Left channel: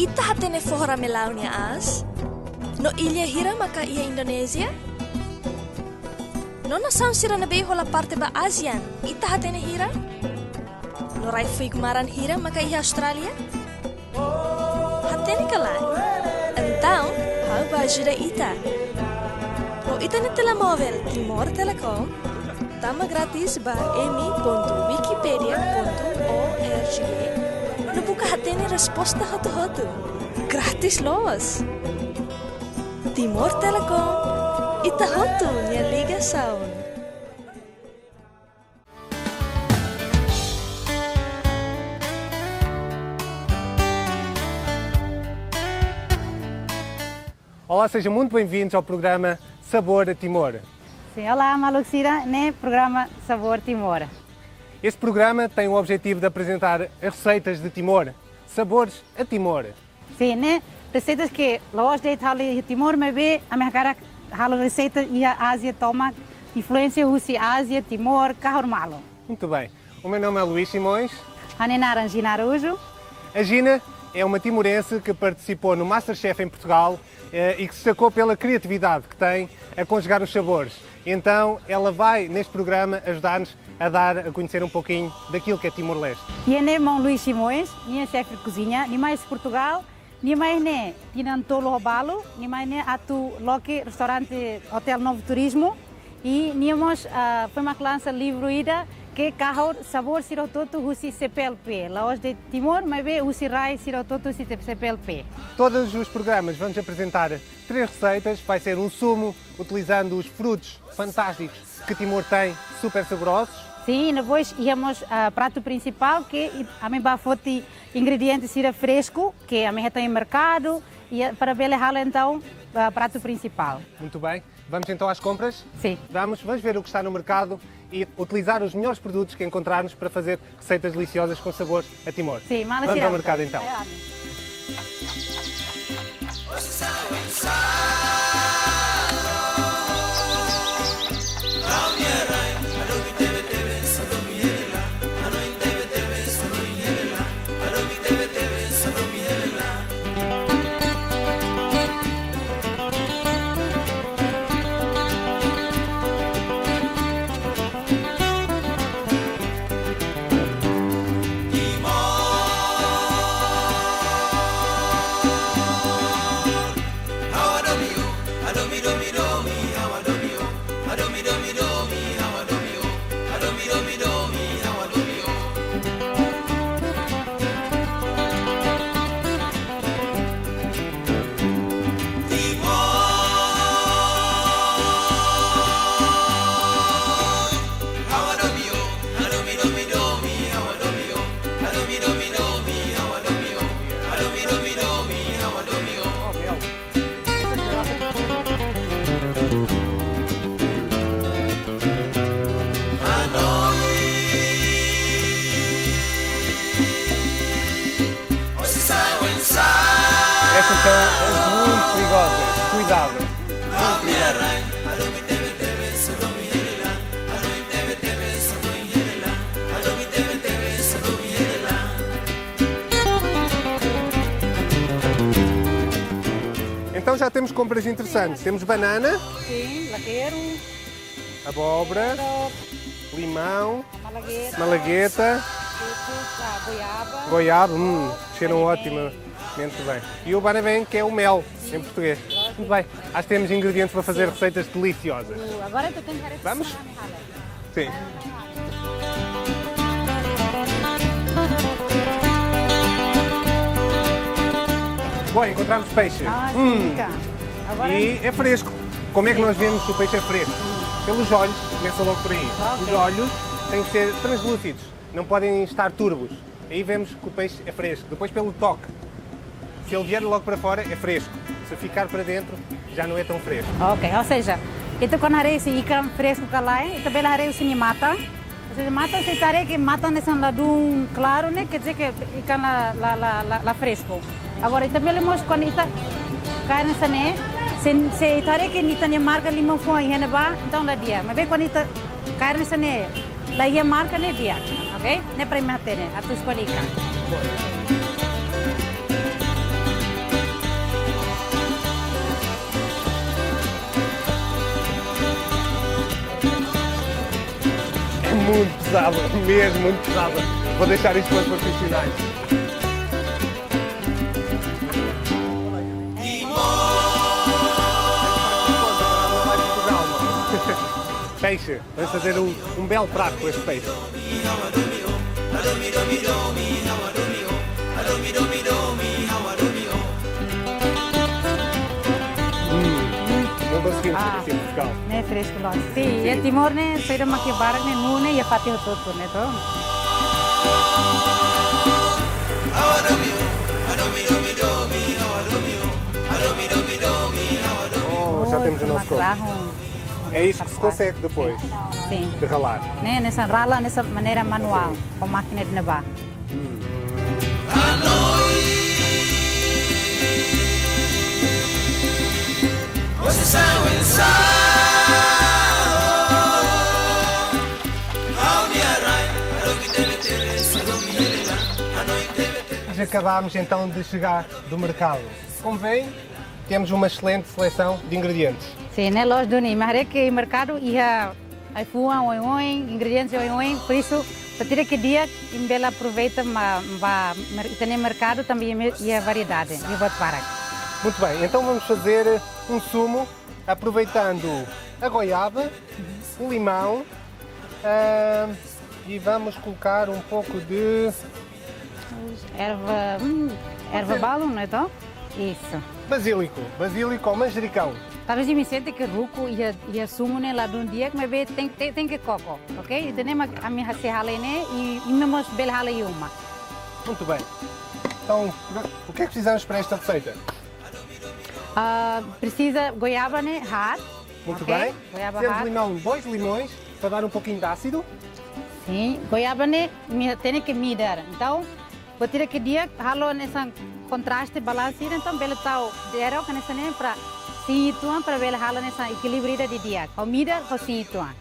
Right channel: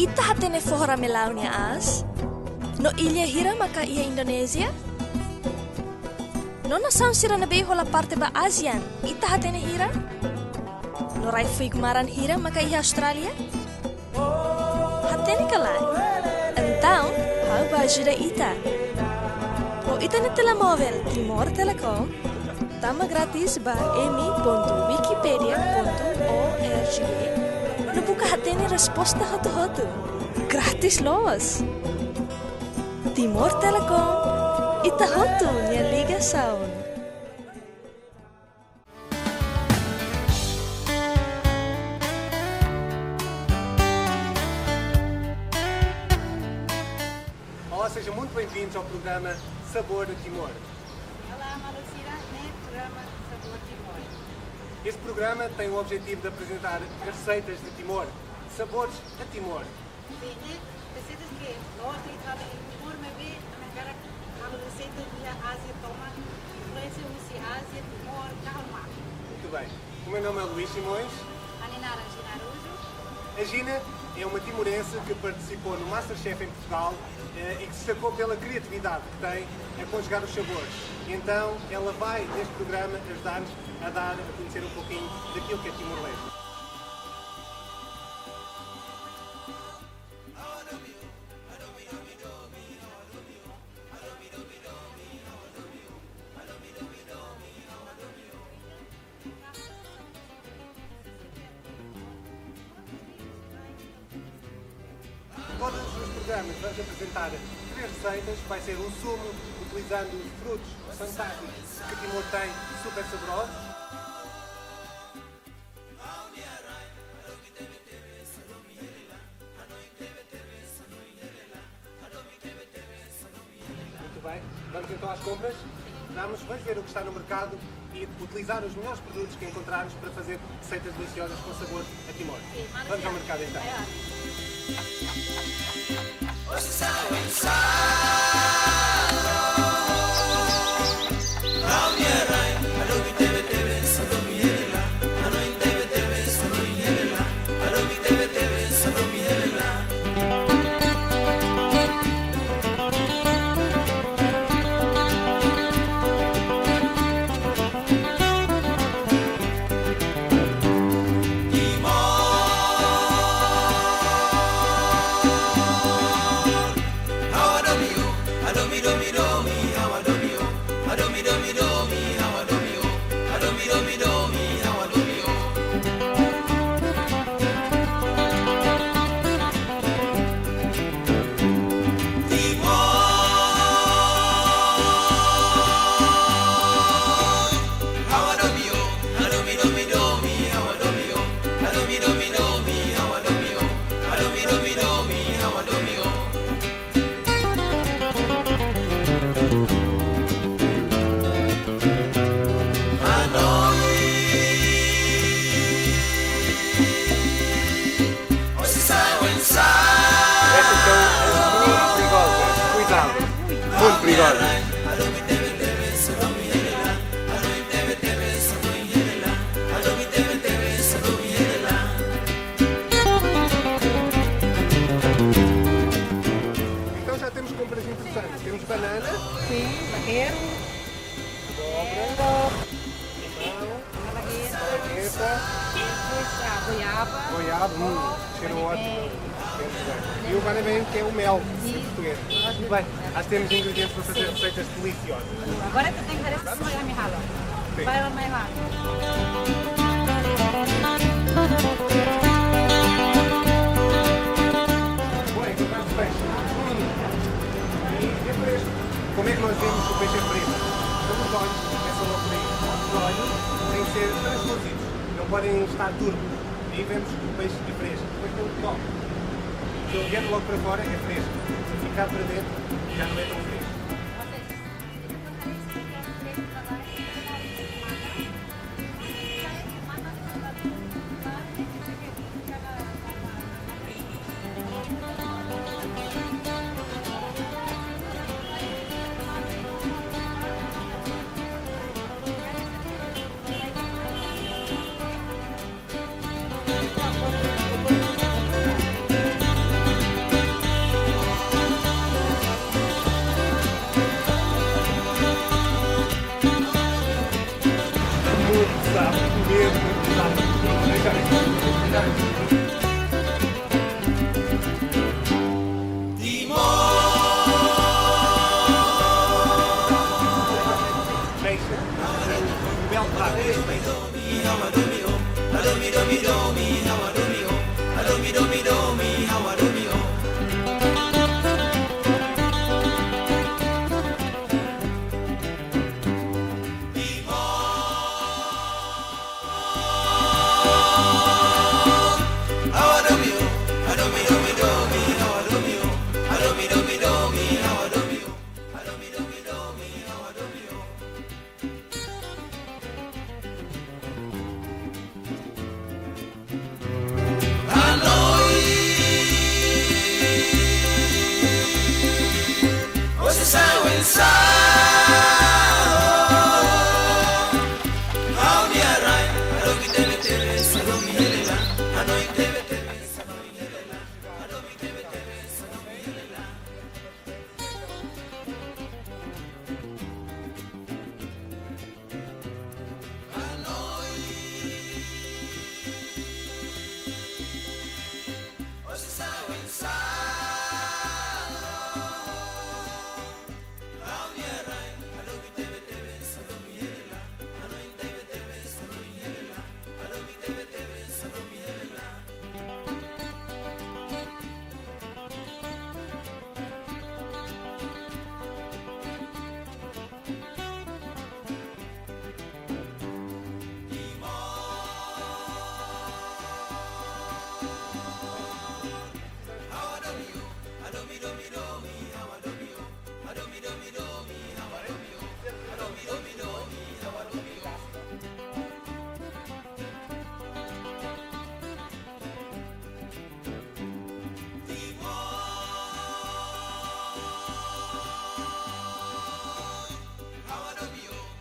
Ita hatene fora melaunia as? No ilha hira maka ia Indonesia? No nação sira na beho la parte ba ASEAN, ita hatene hira? No rai fui gumaran hira maka ia Australia? Hatene kalai? Então, how ba ajuda ita? O ita na telemóvel Timor Telecom, tama grátis ba emi.wikipedia.org. No buka hatene resposta hotu-hotu. Gratis los. Timor Telecom, ita hotu nia ligação. Olá, sejam muito bem-vindos ao programa Sabor a Timor. Sim, olá, Maluxira, no programa Sabor Timor. Este programa tem o objetivo de apresentar as receitas de Timor, sabores a Timor. Sim, né? Receitas que nós de Timor, mas bem, a minha cara, halo receitas e a Ásia toma influência Rússia, Ásia, Timor, carro malo. Muito bem. O meu nome é Luís Simões. A Nenara Gina Araújo. A Gina é uma timorense que participou no Masterchef em Portugal e que se destacou pela criatividade que tem a conjugar os sabores. Então, ela vai, neste programa, ajudar-nos a dar a conhecer um pouquinho daquilo que é Timor-Leste. E é irmão Luís Simões, minha chefe de cozinha, nem mais Portugal, nem mais né, e não tolo robalo, nem mais né, atu loque restaurante Hotel Novo Turismo, e nemos foi uma lança livro ida que carro sabor sirototo husi CPLP. Lá hoje de Timor, mas bem husi rai sirototo husi CPLP. Todos os programas vamos apresentar 3 receitas. Vai ser um sumo utilizando os frutos fantásticos que Timor tem, super saborosos. Sim, depois íamos prato principal que a mim bafoti ingredientes sira fresco que a minha tem em mercado e para belejar então prato principal. Muito bem. Vamos então às compras? Sim. Vamos ver o que está no mercado e utilizar os melhores produtos que encontrarmos para fazer receitas deliciosas com sabor a Timor. Sim, vamos ao mercado então. Temos compras interessantes. Temos banana, sim, lagueiro, abóbora, limão, malagueta, goiaba, cheiram ótimo. Muito bem. E o banabém, que é o mel, em português. Muito bem. Acho que temos ingredientes para fazer receitas deliciosas. Agora tu tens que fazer vamos? Sim. Bom, encontramos peixe. E é fresco. Como é que nós vemos que o peixe é fresco? Pelos olhos, começa logo por aí. Os olhos têm que ser translúcidos, não podem estar turbos. Aí vemos que o peixe é fresco. Depois pelo toque. Se ele vier logo para fora, é fresco. Se ficar para dentro, já não é tão fresco. Ok, ou seja, itu quando harei esse ikan fresco kalai, itu bela harei esse mata. Se mata se tare que mata nesse lado claro, né? Quer dizer que fica lá fresco. Agora, então vemos quando está cai nessa né, se tare que nita ne marca limão com a hiena ba, então lá dia. Mas quando está cai nessa né, lá ia marca né dia, ok? Ne para matar né, a tu escolhi. deixar isto para os finais. Peixe, vamos fazer um belo prato com este peixe. Ne fresco lá. Sim, e Timor ne saída maquibara ne nune e pati todo ne to. Já temos o nosso corpo. Macarrão. É isto que se consegue depois Sim. de ralar. Ne nessa rala nessa maneira manual, com máquina de nevar. Nós acabámos então de chegar do mercado. Como veem, temos uma excelente seleção de ingredientes. Sim, né, loja do mas que mercado ia ai puan oi ingredientes oi, por isso para ter que dia em bela aproveita mas tem mercado também ia variedade, e vou para. Muito bem, então vamos fazer um sumo aproveitando a goiaba, o limão e vamos colocar um pouco de Erva balo, não é então? Isso. basílico ou manjericão. Talvez me sente que ruco ia sumo né lá de um dia que me vê tem que coco, ok? E tem a minha serrala né e não mos bel hala uma. Muito bem. Então, o que é que precisamos para esta receita? Precisa goiaba né hard. Muito ok? bem. Goiaba Temos hard. limão, 2 limões para dar um pouquinho de ácido. Sim, goiaba né tem que medir. Então, vou ter que dia halo nessa contraste balanço então belo tal era que nessa nem para situar para belo hala nessa equilíbrio de dia. Com medir com situar.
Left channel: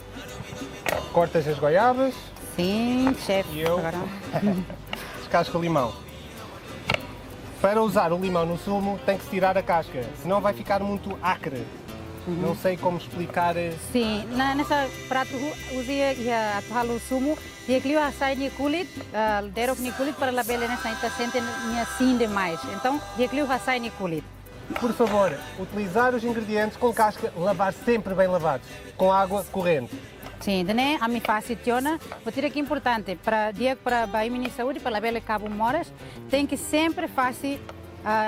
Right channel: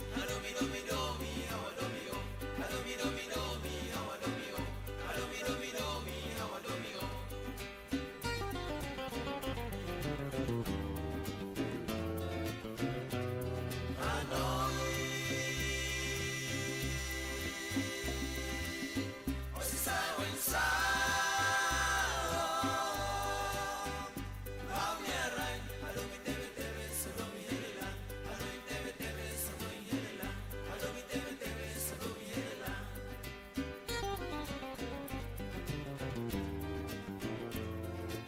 Cortas as goiabas, Sim, chefe. E eu? descasca o limão. Para usar o limão no sumo tem que se tirar a casca, senão vai ficar muito acre. Não sei como explicar. Sim, nessa prato usei ya halo sumo dia que eu assai ni kulit, dero ni kulit para la bela nessa está sente minha sim demais. Então, dia que eu assai ni kulit. Por favor, utilizar os ingredientes com casca, lavar sempre bem lavados, com água corrente. Sim, né? A minha facilitona, vou ter que importante para dia para a minha saúde, para a bela cabo moras, tem que sempre fazer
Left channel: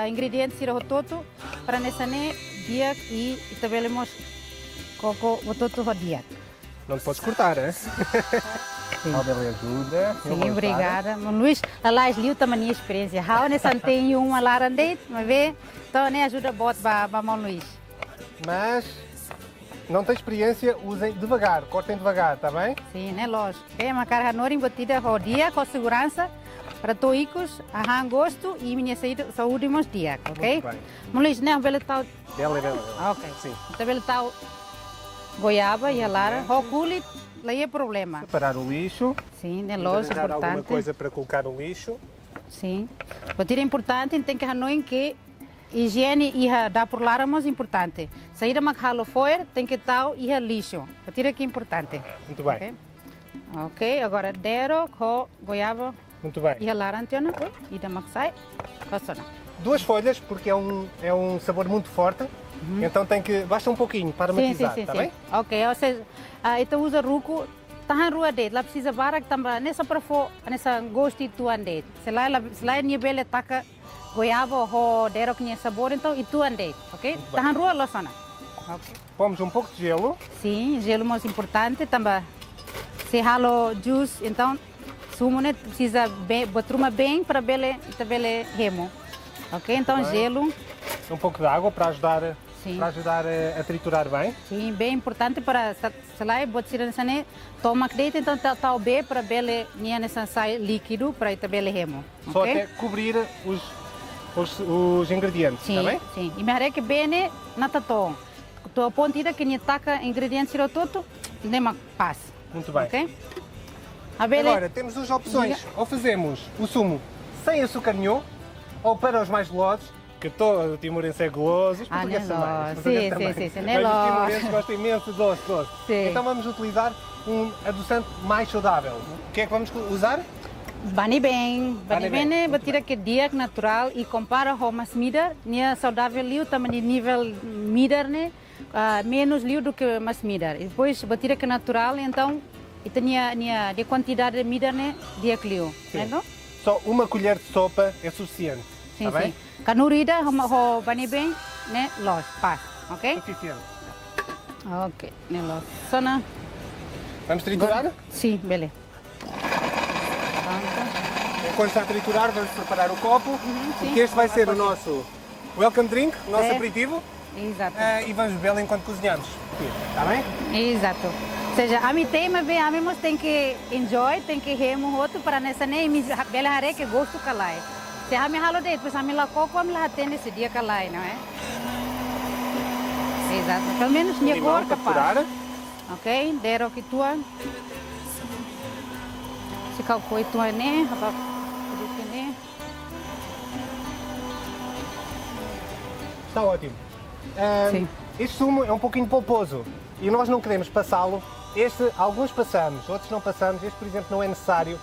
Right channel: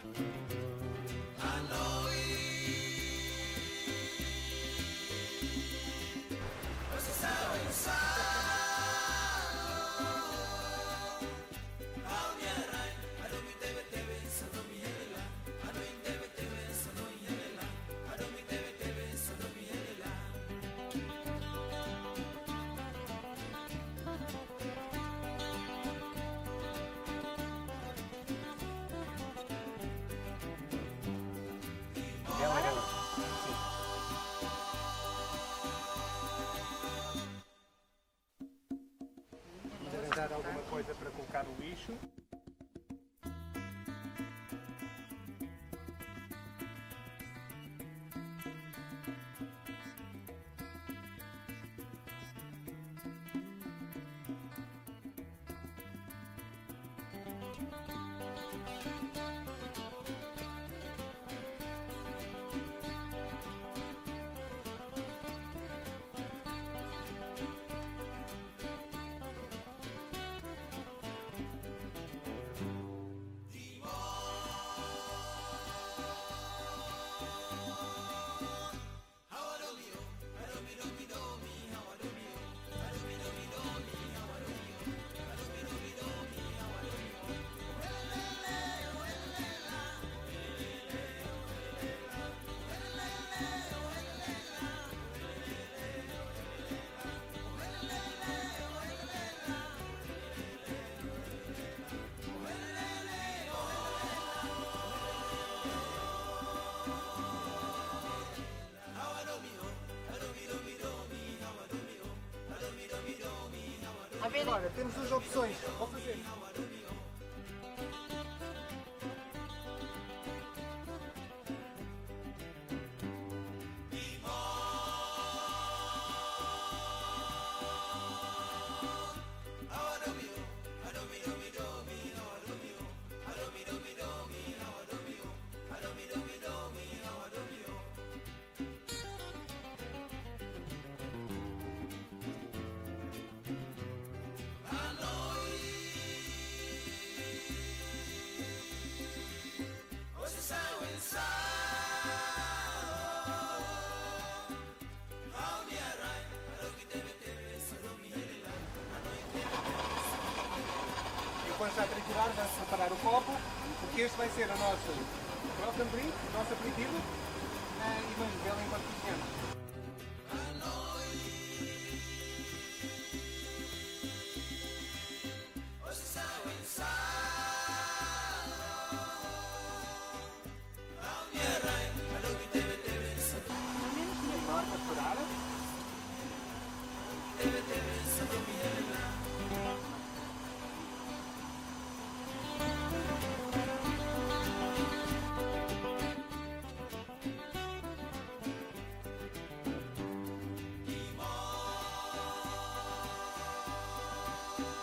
ingredientes ir todo para nessa né dia e tabelemos coco o todo dia. Não podes cortar, né? Roda ajuda. Sim, obrigada. Luís, lá liu também minha experiência. How nessa tem uma larandete, mas vê, então né ajuda a bot para mão Luís. Mas não tem experiência, usem devagar, cortem devagar, está bem? Sim, né, lógico. É uma carga nora embutida ao dia com segurança para toicos, arran gosto e minha saúde nos dias, ok? Muito bem. Luís, né, belo tal. Elegante. Ok. Sim. Então belo tal goiaba e a lara, o culit, lá é problema. Separar o lixo. Sim, né, Vamos lógico, arranjar alguma importante. coisa para colocar no lixo. Sim. O tiro é importante, tem que hanoi que higiene e dar por lá é mais importante. Sair a halo fora, tem que tal e lixo. O tiro que é importante. Muito bem. Ok? Ok, agora dero com goiaba Muito bem. e a lara antiona e da maxai. Passou. 2 folhas, porque é um sabor muito forte, então basta um pouquinho para Sim, matizar, sim, sim, está sim. bem? Ok, ou seja, então usa ruco, tá na rua dele, lá precisa barak também, nessa para for, nessa gosto tu ande. Se lá é nível taca goiaba ou dero que tinha sabor, então e tu ande, ok? Tá na rua lá sana. Ok. Pomos um pouco de gelo. Sim, gelo mais importante também. Se halo juice, então sumo né precisa botar bem para bele remo. Ok, então gelo. Um pouco de água para ajudar Sim. a triturar bem. Sim, bem importante para se lá botar nessa né toma crédito então tá bem para bele minha nessa sai líquido para ir bele remo. Só Ok? até cobrir os ingredientes, Sim, está bem? sim. E me haré que bem né na tato. Tô pontida que nem taca ingredientes tiro tudo, nem mais passa. Muito bem. Ok? A bele Agora, temos duas opções. Ou fazemos o sumo sem açúcar nenhum, ou para os mais golosos, que todo timorense é goloso, os portugueses né, também. lógico. os portugueses Sim, também. sim, sim, Mas né, os lógico. timorenses gostam imenso de doce. Sim. Então vamos utilizar um adoçante mais saudável. O que é que vamos usar? Bani bem né, batira que dia natural e compara com mas mida, nia saudável liu também nível midar né, menos liu do que mas midar. E depois batira que natural, então e tinha de quantidade de midar né, dia que liu, né? Só uma colher de sopa é suficiente. Sim, Tá bem? sim. Kanurida ho bani bem, né, los, pá, ok? Suficiente. Ok, né, los. Sana. Vamos triturar? Sim, beleza. Enquanto está a triturar, vamos preparar o copo, sim. porque este vai ser o nosso welcome drink, o nosso É. aperitivo, Exato. e vamos bebê-lo enquanto cozinhamos. Está bem? Exato. Ou seja, a mim tem, mas a mim tem que enjoy, tem que remo outro para nessa nem me bela hare que gosto calai. Se a mim halo de, pois a mim lá coco a mim lá tem esse dia calai, não é? Exato. Pelo menos minha Limão cor para capaz. furar. Ok, dero que tua. Se calcou tua né, rapaz. Está ótimo. Sim. Este sumo é um pouquinho polposo e nós não queremos passá-lo. Alguns passamos, outros não passamos. Este, por exemplo, não é necessário,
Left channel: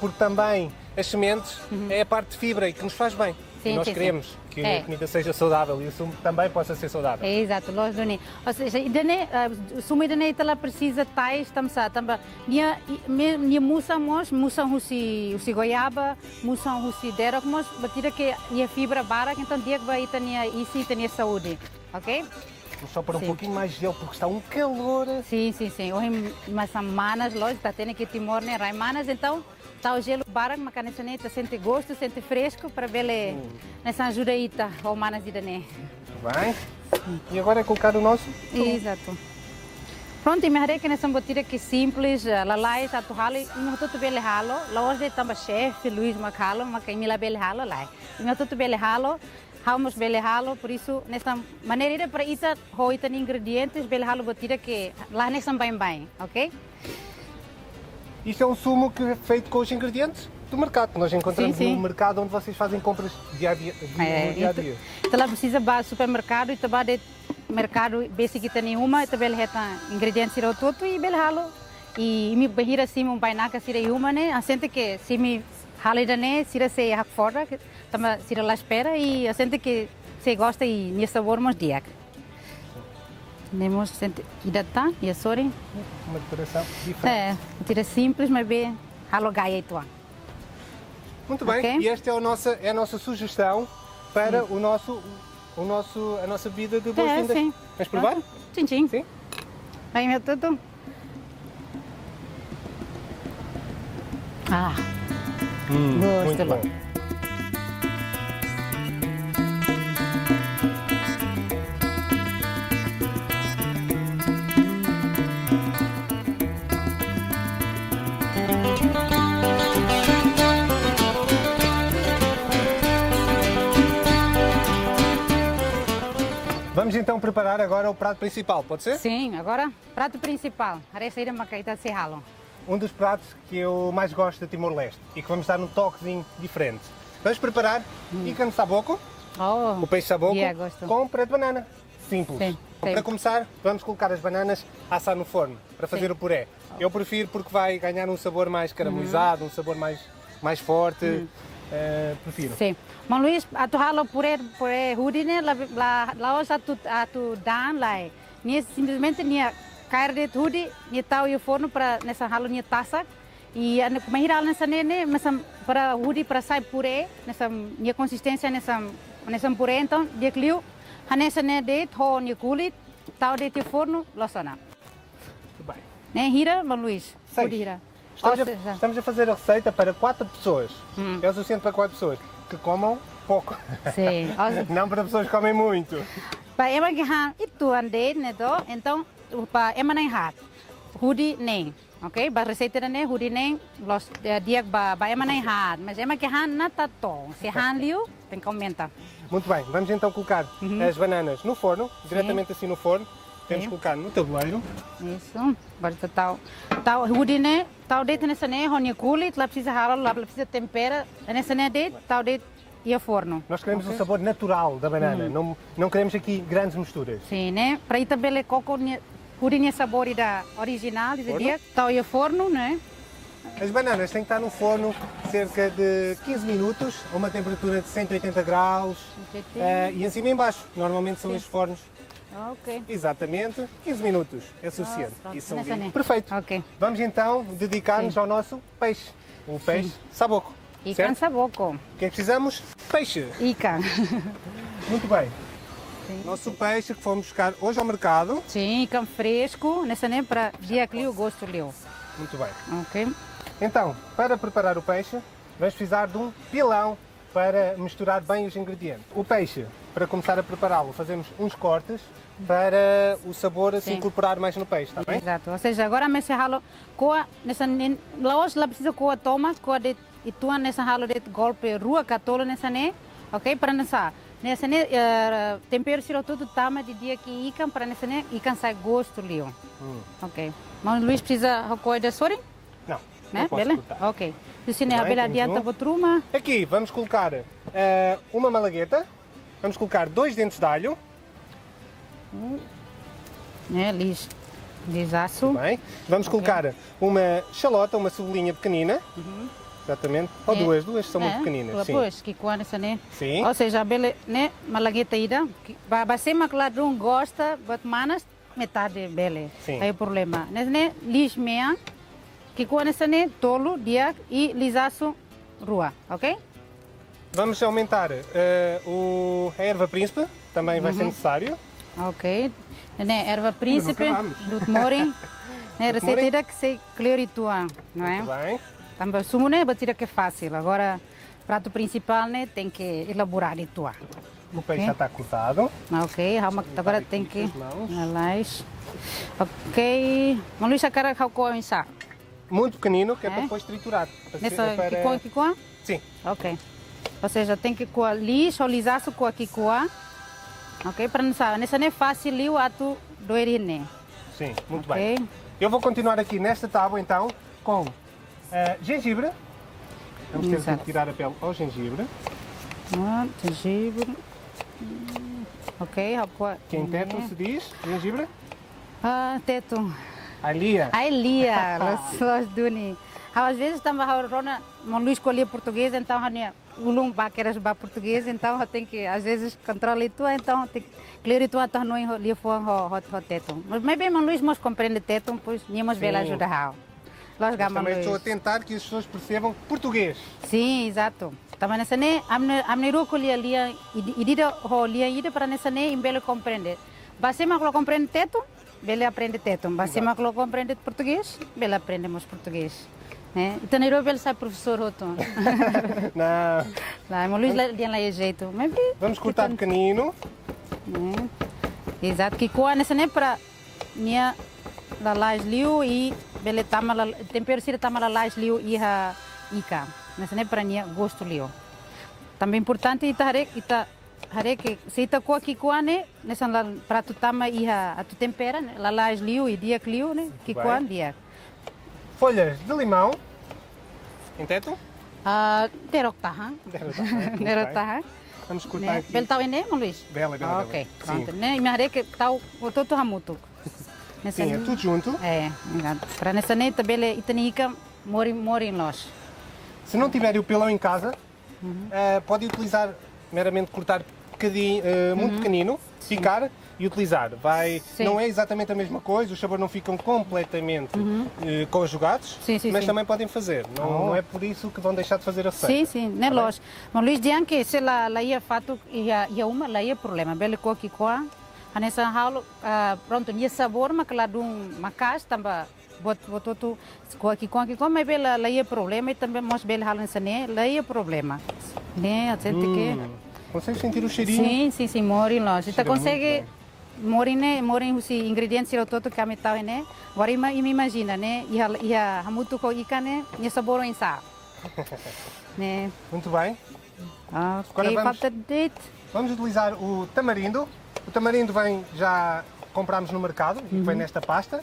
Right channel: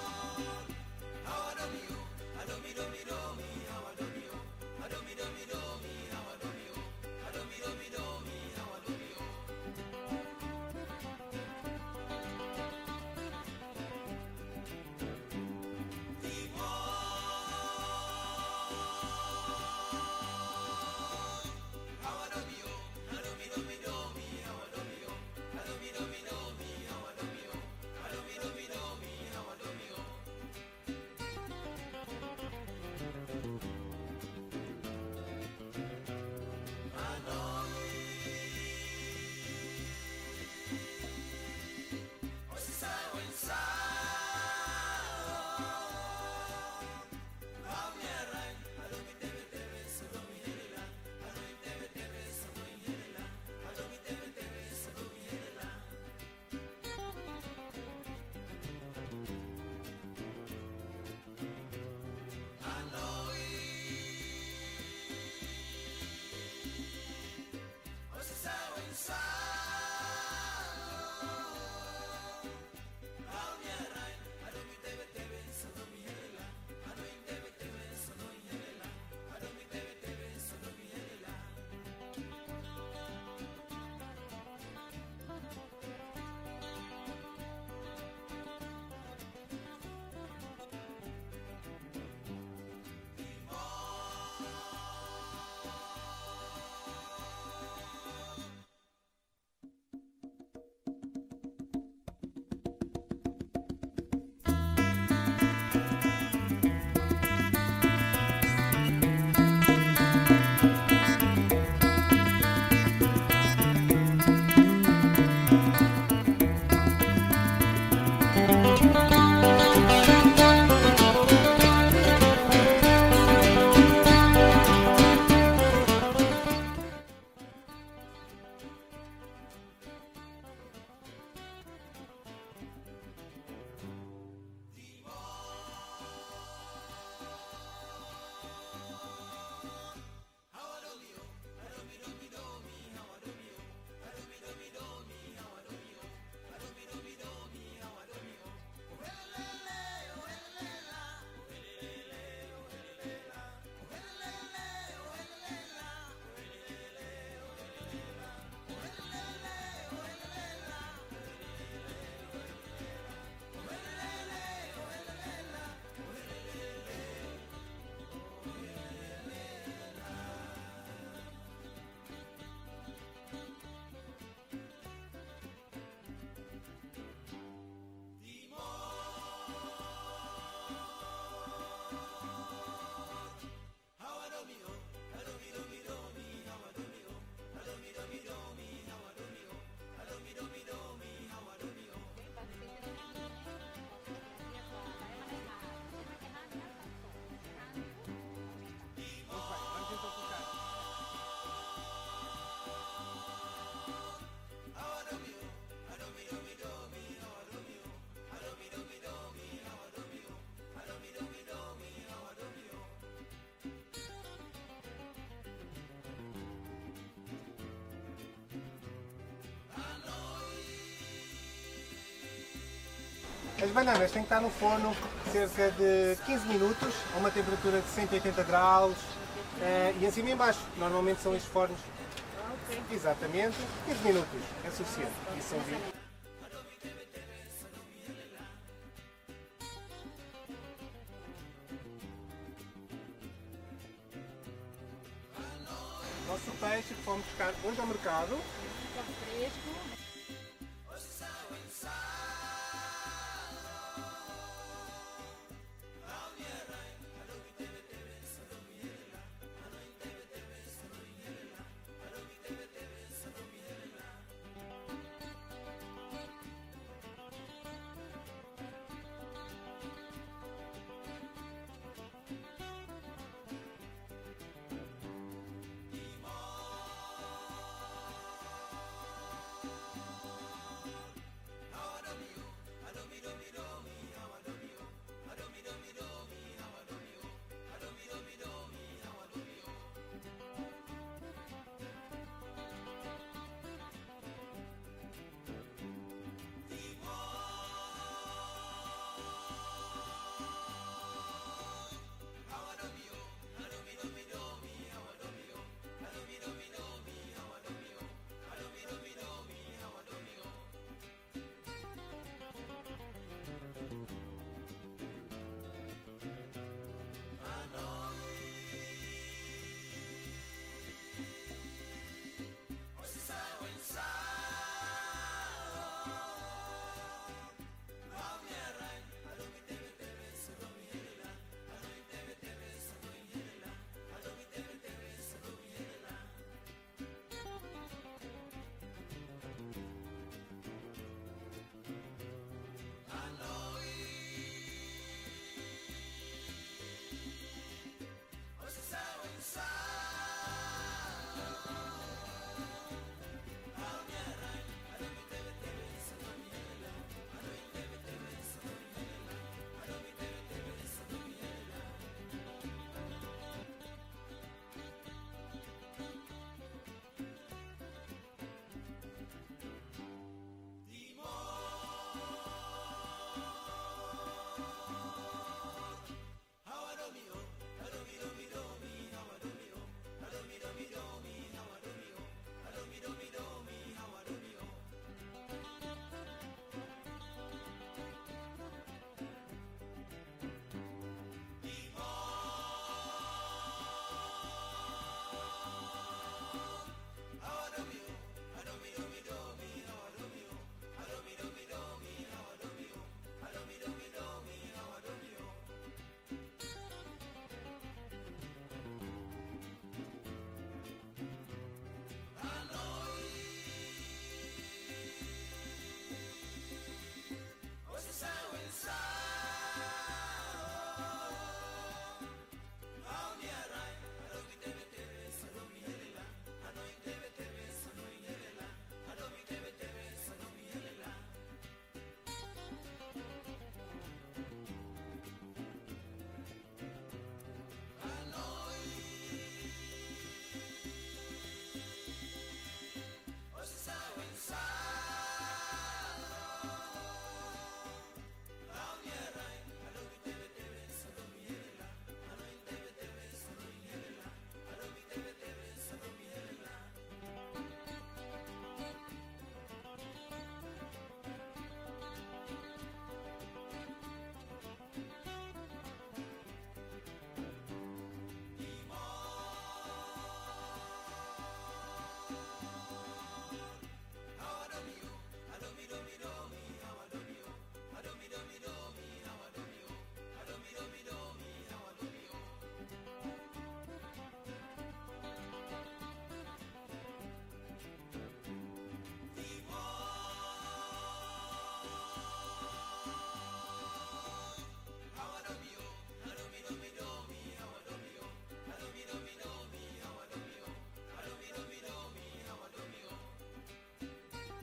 porque também as sementes é a parte de fibra e que nos faz bem. Sim, e nós sim, queremos sim. que É. a comida seja saudável e o sumo também possa ser saudável. Exato, nós doni. Ou seja, idane, suma idane ela precisa tais tamsa, tamba. Nia musa husi goiaba, musa husi derok mos, batida que ia fibra barak, então dia que vai tania isi tania saúde, ok? Vou só pôr um Sim. pouquinho mais de gelo porque está um calor. Sim. Hoje mas semanas logo está tendo que timor né, raimanas, então tá o gelo barak, mas canessa né, sente gosto, sente fresco para ver nessa ajuda aí tá, ou manas de né. Bem. E agora é colocar o nosso. Exato. Pronto, e me harei que nessa botira que simples, lalai, tatu halo, não tudo bem halo, lá hoje tamba chefe Luís Macalo, mas que me lá bem halo lá. Não tudo bem halo, vamos bem halo, por isso nessa maneira para isso hoita ingredientes bem halo botira que lá nessa bem, ok? Isto é um sumo que é feito com os ingredientes do mercado, que nós encontramos Sim. no mercado onde vocês fazem compras dia a dia. Então lá precisa para supermercado e também de mercado basic que tem uma, também reta ingredientes ir ao todo e bem halo. E me bahira assim um bainaca sira uma né, a gente que se me halo né, sira se hak fora, também sira lá espera e a gente que se gosta e me sabor mais dia. Nemos sente ida tá, e sorry. Uma decoração diferente. É, tira simples, mas bem halo gaia e tua. Muito bem, Ok. e esta é a nossa sugestão para a nossa bebida de boas-vindas. Sim. Queres provar? Sim. Sim? Vai meu tudo. Ah, Muito gosto. bem. Vamos então preparar agora o prato principal, pode ser? Sim, agora prato principal. Harei sair uma caída de halo. Um dos pratos que eu mais gosto de Timor-Leste e que vamos dar um toquezinho diferente. Vamos preparar ikan saboco, Oh, o peixe saboco, yeah, gosto. com puré de banana. Simples. Sim, Para sim. começar, vamos colocar as bananas a assar no forno para fazer Sim. o puré. Eu prefiro porque vai ganhar um sabor mais caramelizado, um sabor mais forte. Prefiro. Sim. Mas Luís, a tu halo puré hudi né, lá hoje a tu dan lá. Nia simplesmente nia carne de hudi, nia tau e forno para nessa halo nia taça. E a mahira nessa nene, mas para hudi para sai puré, nessa nia consistência nessa puré então, dia clio, a nessa né de ho nia kulit, tau de te forno, losana. Muito bem. Né, hira, mas Luís, Seis. hudi hira. Estamos a fazer a receita para 4 pessoas. É o suficiente para 4 pessoas que comam pouco. Sim. Não para pessoas que comem muito. Pa ema que han itu ande né do, então pa ema nem hat. Hudi nem, ok? Ba receita né hudi nem los dia ba ema nem hat, mas ema que han na tato. Se han liu, tem que aumentar. Muito bem, vamos então colocar as bananas no forno, diretamente assim no forno. Temos que Sim. colocar no tabuleiro. Isso. Basta tal hudi né, tal de nessa né, honia kulit, lá precisa halo, lá precisa tempera, nessa né de, tal de e a forno. Nós queremos o sabor natural da banana, não queremos aqui grandes misturas. Sim, né? Para ir também coco hudi né sabor da original, Forno? dia, tal e a forno, né? As bananas têm que estar no forno cerca de 15 minutos, a uma temperatura de 180 graus e acima e em baixo. Normalmente são estes fornos. Ok. Exatamente, 15 minutos é suficiente. pronto. Isso são Nessa nem. perfeito. Ok. Vamos então dedicar-nos ao nosso peixe. O peixe saboco. Ikan Certo? saboco. O que é que precisamos? Peixe. Ikan. Muito bem. Nosso peixe que fomos buscar hoje ao mercado. Sim, ikan fresco. Nessa nem para dia que o gosto leu. Muito bem. Ok. Então, para preparar o peixe, vamos precisar de um pilão para misturar bem os ingredientes. O peixe, para começar a prepará-lo, fazemos uns cortes para o sabor se Sim. incorporar mais no peixe, está bem? Exato. Ou seja, agora me se halo coa nessa laos lá precisa coa toma coa de ituan nessa halo de golpe rua catolo nessa ne, ok? Para nessa nessa ne tempero siro tudo tama de dia que ikan para nessa ne ikan sai gosto lio. Ok. Mas Luís precisa coa de sori, Não, né? não posso Bele? cortar. Ok. Se ne Bem, abela temos adianta um. botruma. Aqui vamos colocar uma malagueta, vamos colocar 2 dentes de alho, Né, lisaço. bem? Vamos colocar uma xalota, uma cebolinha pequenina, exatamente, ou duas são muito pequeninas, sim. Depois que quando essa ne. Sim. Ou seja, bele, né, malagueta ida, você macladum gosta, but manas metade bele. Sim. Aí o problema. Nesse né, lis meia, que quando essa né, tolo dia e lisaço rua, ok? Vamos aumentar a erva príncipe, também vai ser necessário. Ok. Né, erva príncipe, acabamos. do morim, né, receita morim. ida que se cleoritua, não é? Muito bem. Também sumo né, batida que é fácil. Agora, prato principal né, tem que elaborar e tua. O peixe já está cortado. Ok, agora tem que mãos. analais. Ok, Luís a cara how ko insa. Muito pequenino, que é para É? depois triturar. Nessa Para- kikua? Sim. Ok. Ou seja, tem que coar lixo ou lisaço com a kikua. Ok, para não saber, nessa não é fácil liu atu doerine. Sim, muito Ok. bem. Eu vou continuar aqui nesta tábua então com gengibre. Vamos ter Exato. que tirar a pele ao gengibre. Gengibre. Ok, how Que em teto se diz gengibre. teto. Alia. Ai, Lia, os duni. Às vezes estamos a rona, não Luís escolher português, então o ulum baqueras ba português, então tem que às vezes controlar tu, então tem que clear tu então não lhe for o teto. Mas bem, mas Luís nós compreende teto, pois níamos bela ajuda how. Nós gama Também estou a Luís. tentar que as pessoas percebam português. Sim, exato. Também nessa né, amne ro colher lia e dida ho lia ida para nessa né, embele compreender. Você mas lo compreende teto, bele aprende teto. Você mas lo compreende português, bele aprendemos português. Né? Então Nairobi ele sai professor outro. Não. Lá, mas Luís dia lá é jeito. Mas bem, Vamos cortar pequenino. né? Exato, que coa nessa né para minha la lais liu e bele tama la tempero sira tama la lais liu e ha ika. Nessa né para minha gosto liu. Também importante ita hare que se ita coa que coa né nessa prato tama e a tu tempera né? La lais liu e dia liu né que Bem. coa dia. Folhas de limão. Em teto. Terok taha. Terok taha. Vamos cortar aqui. Bel tau ene, Luís? Bela, bela, Ok, bela. pronto. Né? E me harei que tau o todo hamuto. Nessa Sim, é tudo junto. para nessa neta bele itanica mori nós. Se não tiverem o pilão em casa, podem utilizar meramente cortar muito pequenino, picar e utilizar. Sim. Não é exatamente a mesma coisa, os sabores não ficam completamente conjugados, Sim, sim, mas sim. também podem fazer. Não é por isso que vão deixar de fazer a receita. Sim, sim, né nós. Mas Luís dian que se la ia fato ia uma la ia problema bele ko ki ko. Anessa halo pronto nia sabor mas lá dum macas tamba botou tu ko ki ko mas bele la ia problema e também mos bele halo nessa né la ia problema. Né, a gente que Consegue sentir o cheirinho? Sim, mori nós. Então Cheira consegue morin os ingredientes o todo que amitau né. Agora me imagina né, ia hamutu ko ikan né, ia sabor em sa. Né. Muito bem. Ok, vamos- falta de Vamos utilizar o tamarindo. O tamarindo já compramos no mercado, vem nesta pasta.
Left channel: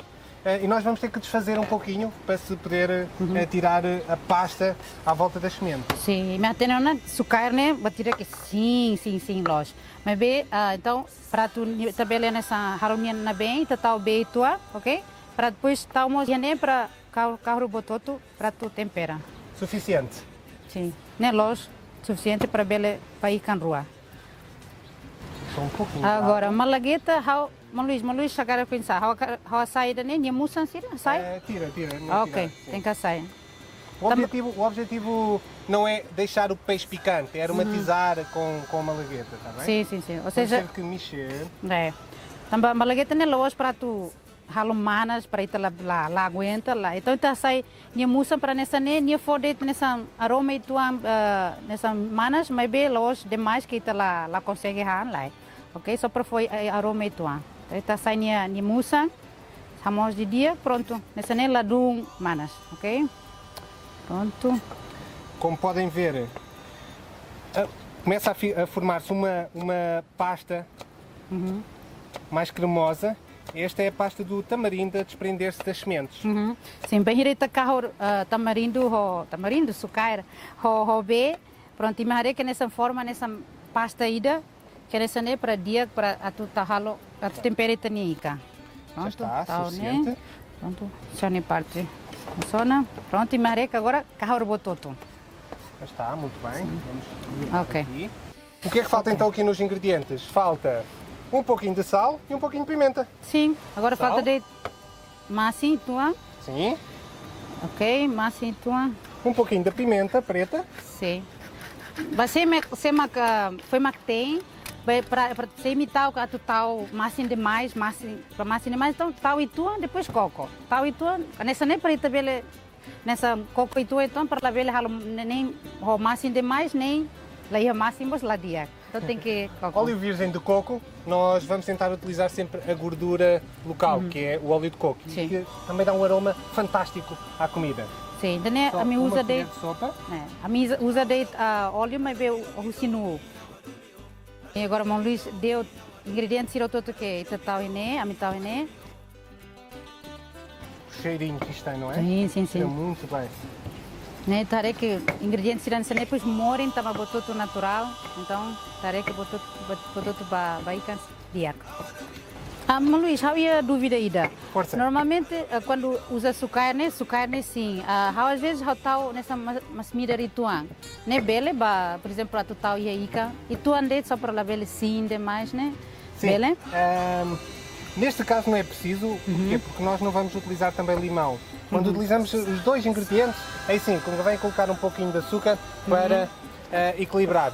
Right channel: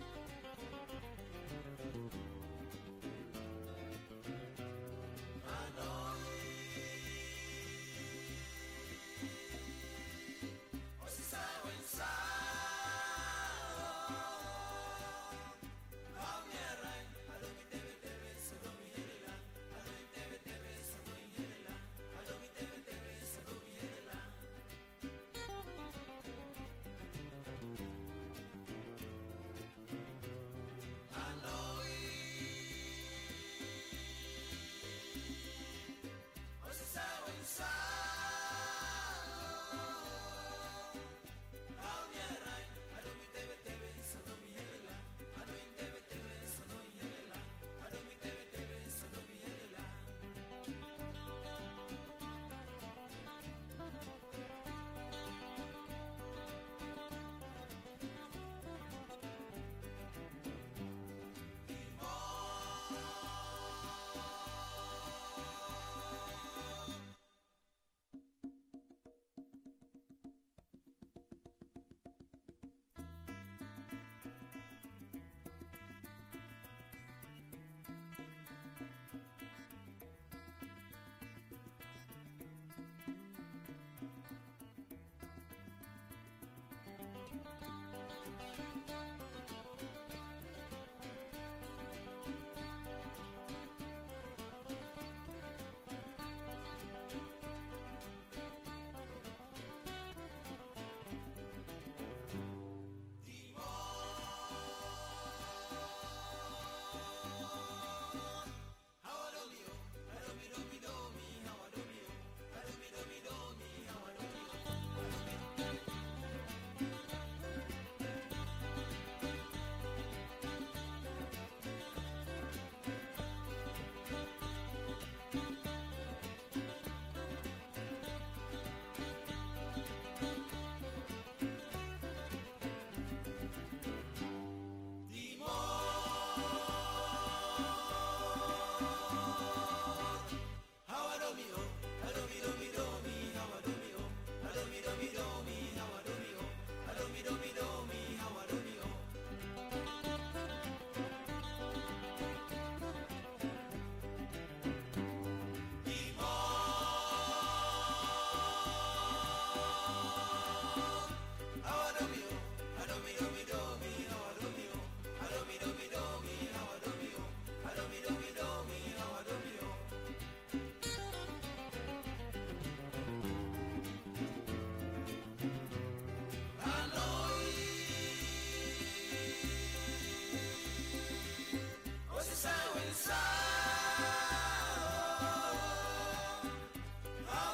E nós vamos ter que desfazer um pouquinho para se poder tirar a pasta à volta das sementes. Sim, mas tem uma açúcar né, batida que sim, nós. Mas bem, então prato também nessa harumia na bem, tatal bem tua, ok? para depois estamos nem para carro bototo para tu tempera. Suficiente. Sim, nem loja suficiente para bele para ir com rua. Só um pouquinho. Agora, malagueta, Maluís, chegar a pensar, a saída nem é muça, sai? Tira. Ok, tem que sair. O objetivo não é deixar o peixe picante, é aromatizar com a malagueta, está bem? Sim. Ou seja, tem que mexer. também malagueta nem loja para tu manas para ir lá aguenta lá. Então tá sai minha muça para nessa nem foder nessa aroma e tua nessa manas, mas bem loja demais que tá lá consegue lá. Ok, só para foi aroma e tua. Então sai minha muça, ramos de dia, pronto. Nessa nem lá do manas, ok? Pronto. Como podem ver, começa a formar-se uma pasta mais cremosa. Esta é a pasta do tamarindo a desprender-se das sementes. Sim, bem direita carro tamarindo, sucaira, bem, pronto, imagina que nessa forma, nessa pasta ida, que nessa né para dia para a tu tahalo, a tu temperatura nica. Pronto, está, né? Pronto, já nem parte. Funciona. Pronto, imagina que agora carro bototo. Já está, muito bem. Vamos Ok. aqui. O que é que falta então aqui nos ingredientes? Falta um pouquinho de sal e um pouquinho de pimenta. Sim, agora Sal. falta de massa tua. Sim. Ok, massa tua. Um pouquinho de pimenta preta. Sim. Você foi tem para você imitar o tu tal massa demais, massa então tal e tua depois coco. Tal e tua, nessa nem para tabela nessa coco e tua então para tabela nem o massa demais nem lá ia máximos lá dia. Então tem que coco. Óleo virgem de coco, nós vamos tentar utilizar sempre a gordura local, que é o óleo de coco. Sim. Que também dá um aroma fantástico à comida. Sim, então Só a minha uma usa colher de sopa. a minha usa de óleo mas veio o sino. E agora o Luís deu ingredientes irá todo que tal e a mitad e Cheirinho que isto tem, não é? Sim. É muito bem. Né, taré que ingredientes irão ser depois morem tama botou tudo natural, então taré que botou tudo baikan dia. Luís, havia dúvida ainda. Força. Normalmente quando usa açúcar né sim. Às vezes tal nessa masmida ritual, né bele ba, por exemplo, tu tal e tu ande só para lá bele sim demais, né? Sim. Bele? Neste caso não é preciso, porquê? Porque nós não vamos utilizar também limão. Quando utilizamos os dois ingredientes, aí sim, convém colocar um pouquinho de açúcar para equilibrar.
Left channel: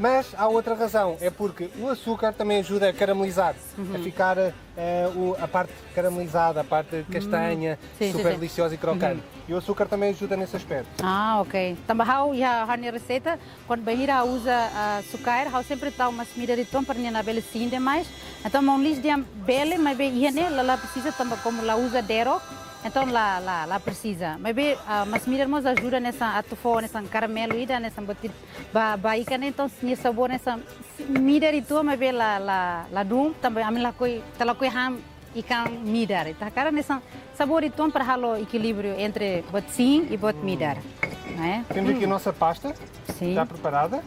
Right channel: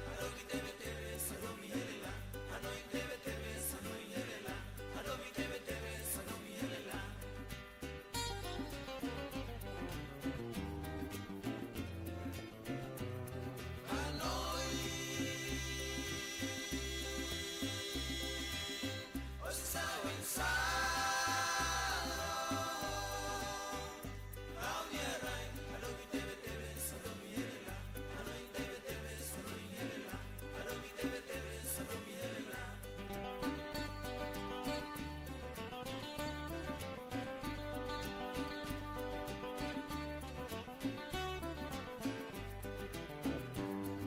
Mas há outra razão, é porque o açúcar também ajuda a caramelizar, a ficar a parte caramelizada, a parte castanha, super deliciosa e crocante. E o açúcar também ajuda nesse aspecto. Ok. Também já a receita, quando bem usa açúcar, há sempre dá uma comida de tom para na bela sim demais. Então, não lhes dá bela, mas bem ela precisa também como ela usa dero, então lá precisa. Mas bem, mas comida nos ajuda nessa atufo, nessa caramelo e nessa batida, baika então tinha sabor nessa comida de tom, mas bem lá dum também a mim lá coi ham ikan midar. Tá cara nessa sabor de tom para halo equilíbrio entre bot sim e bot midar, não é? Temos aqui a nossa pasta, Sim. já preparada.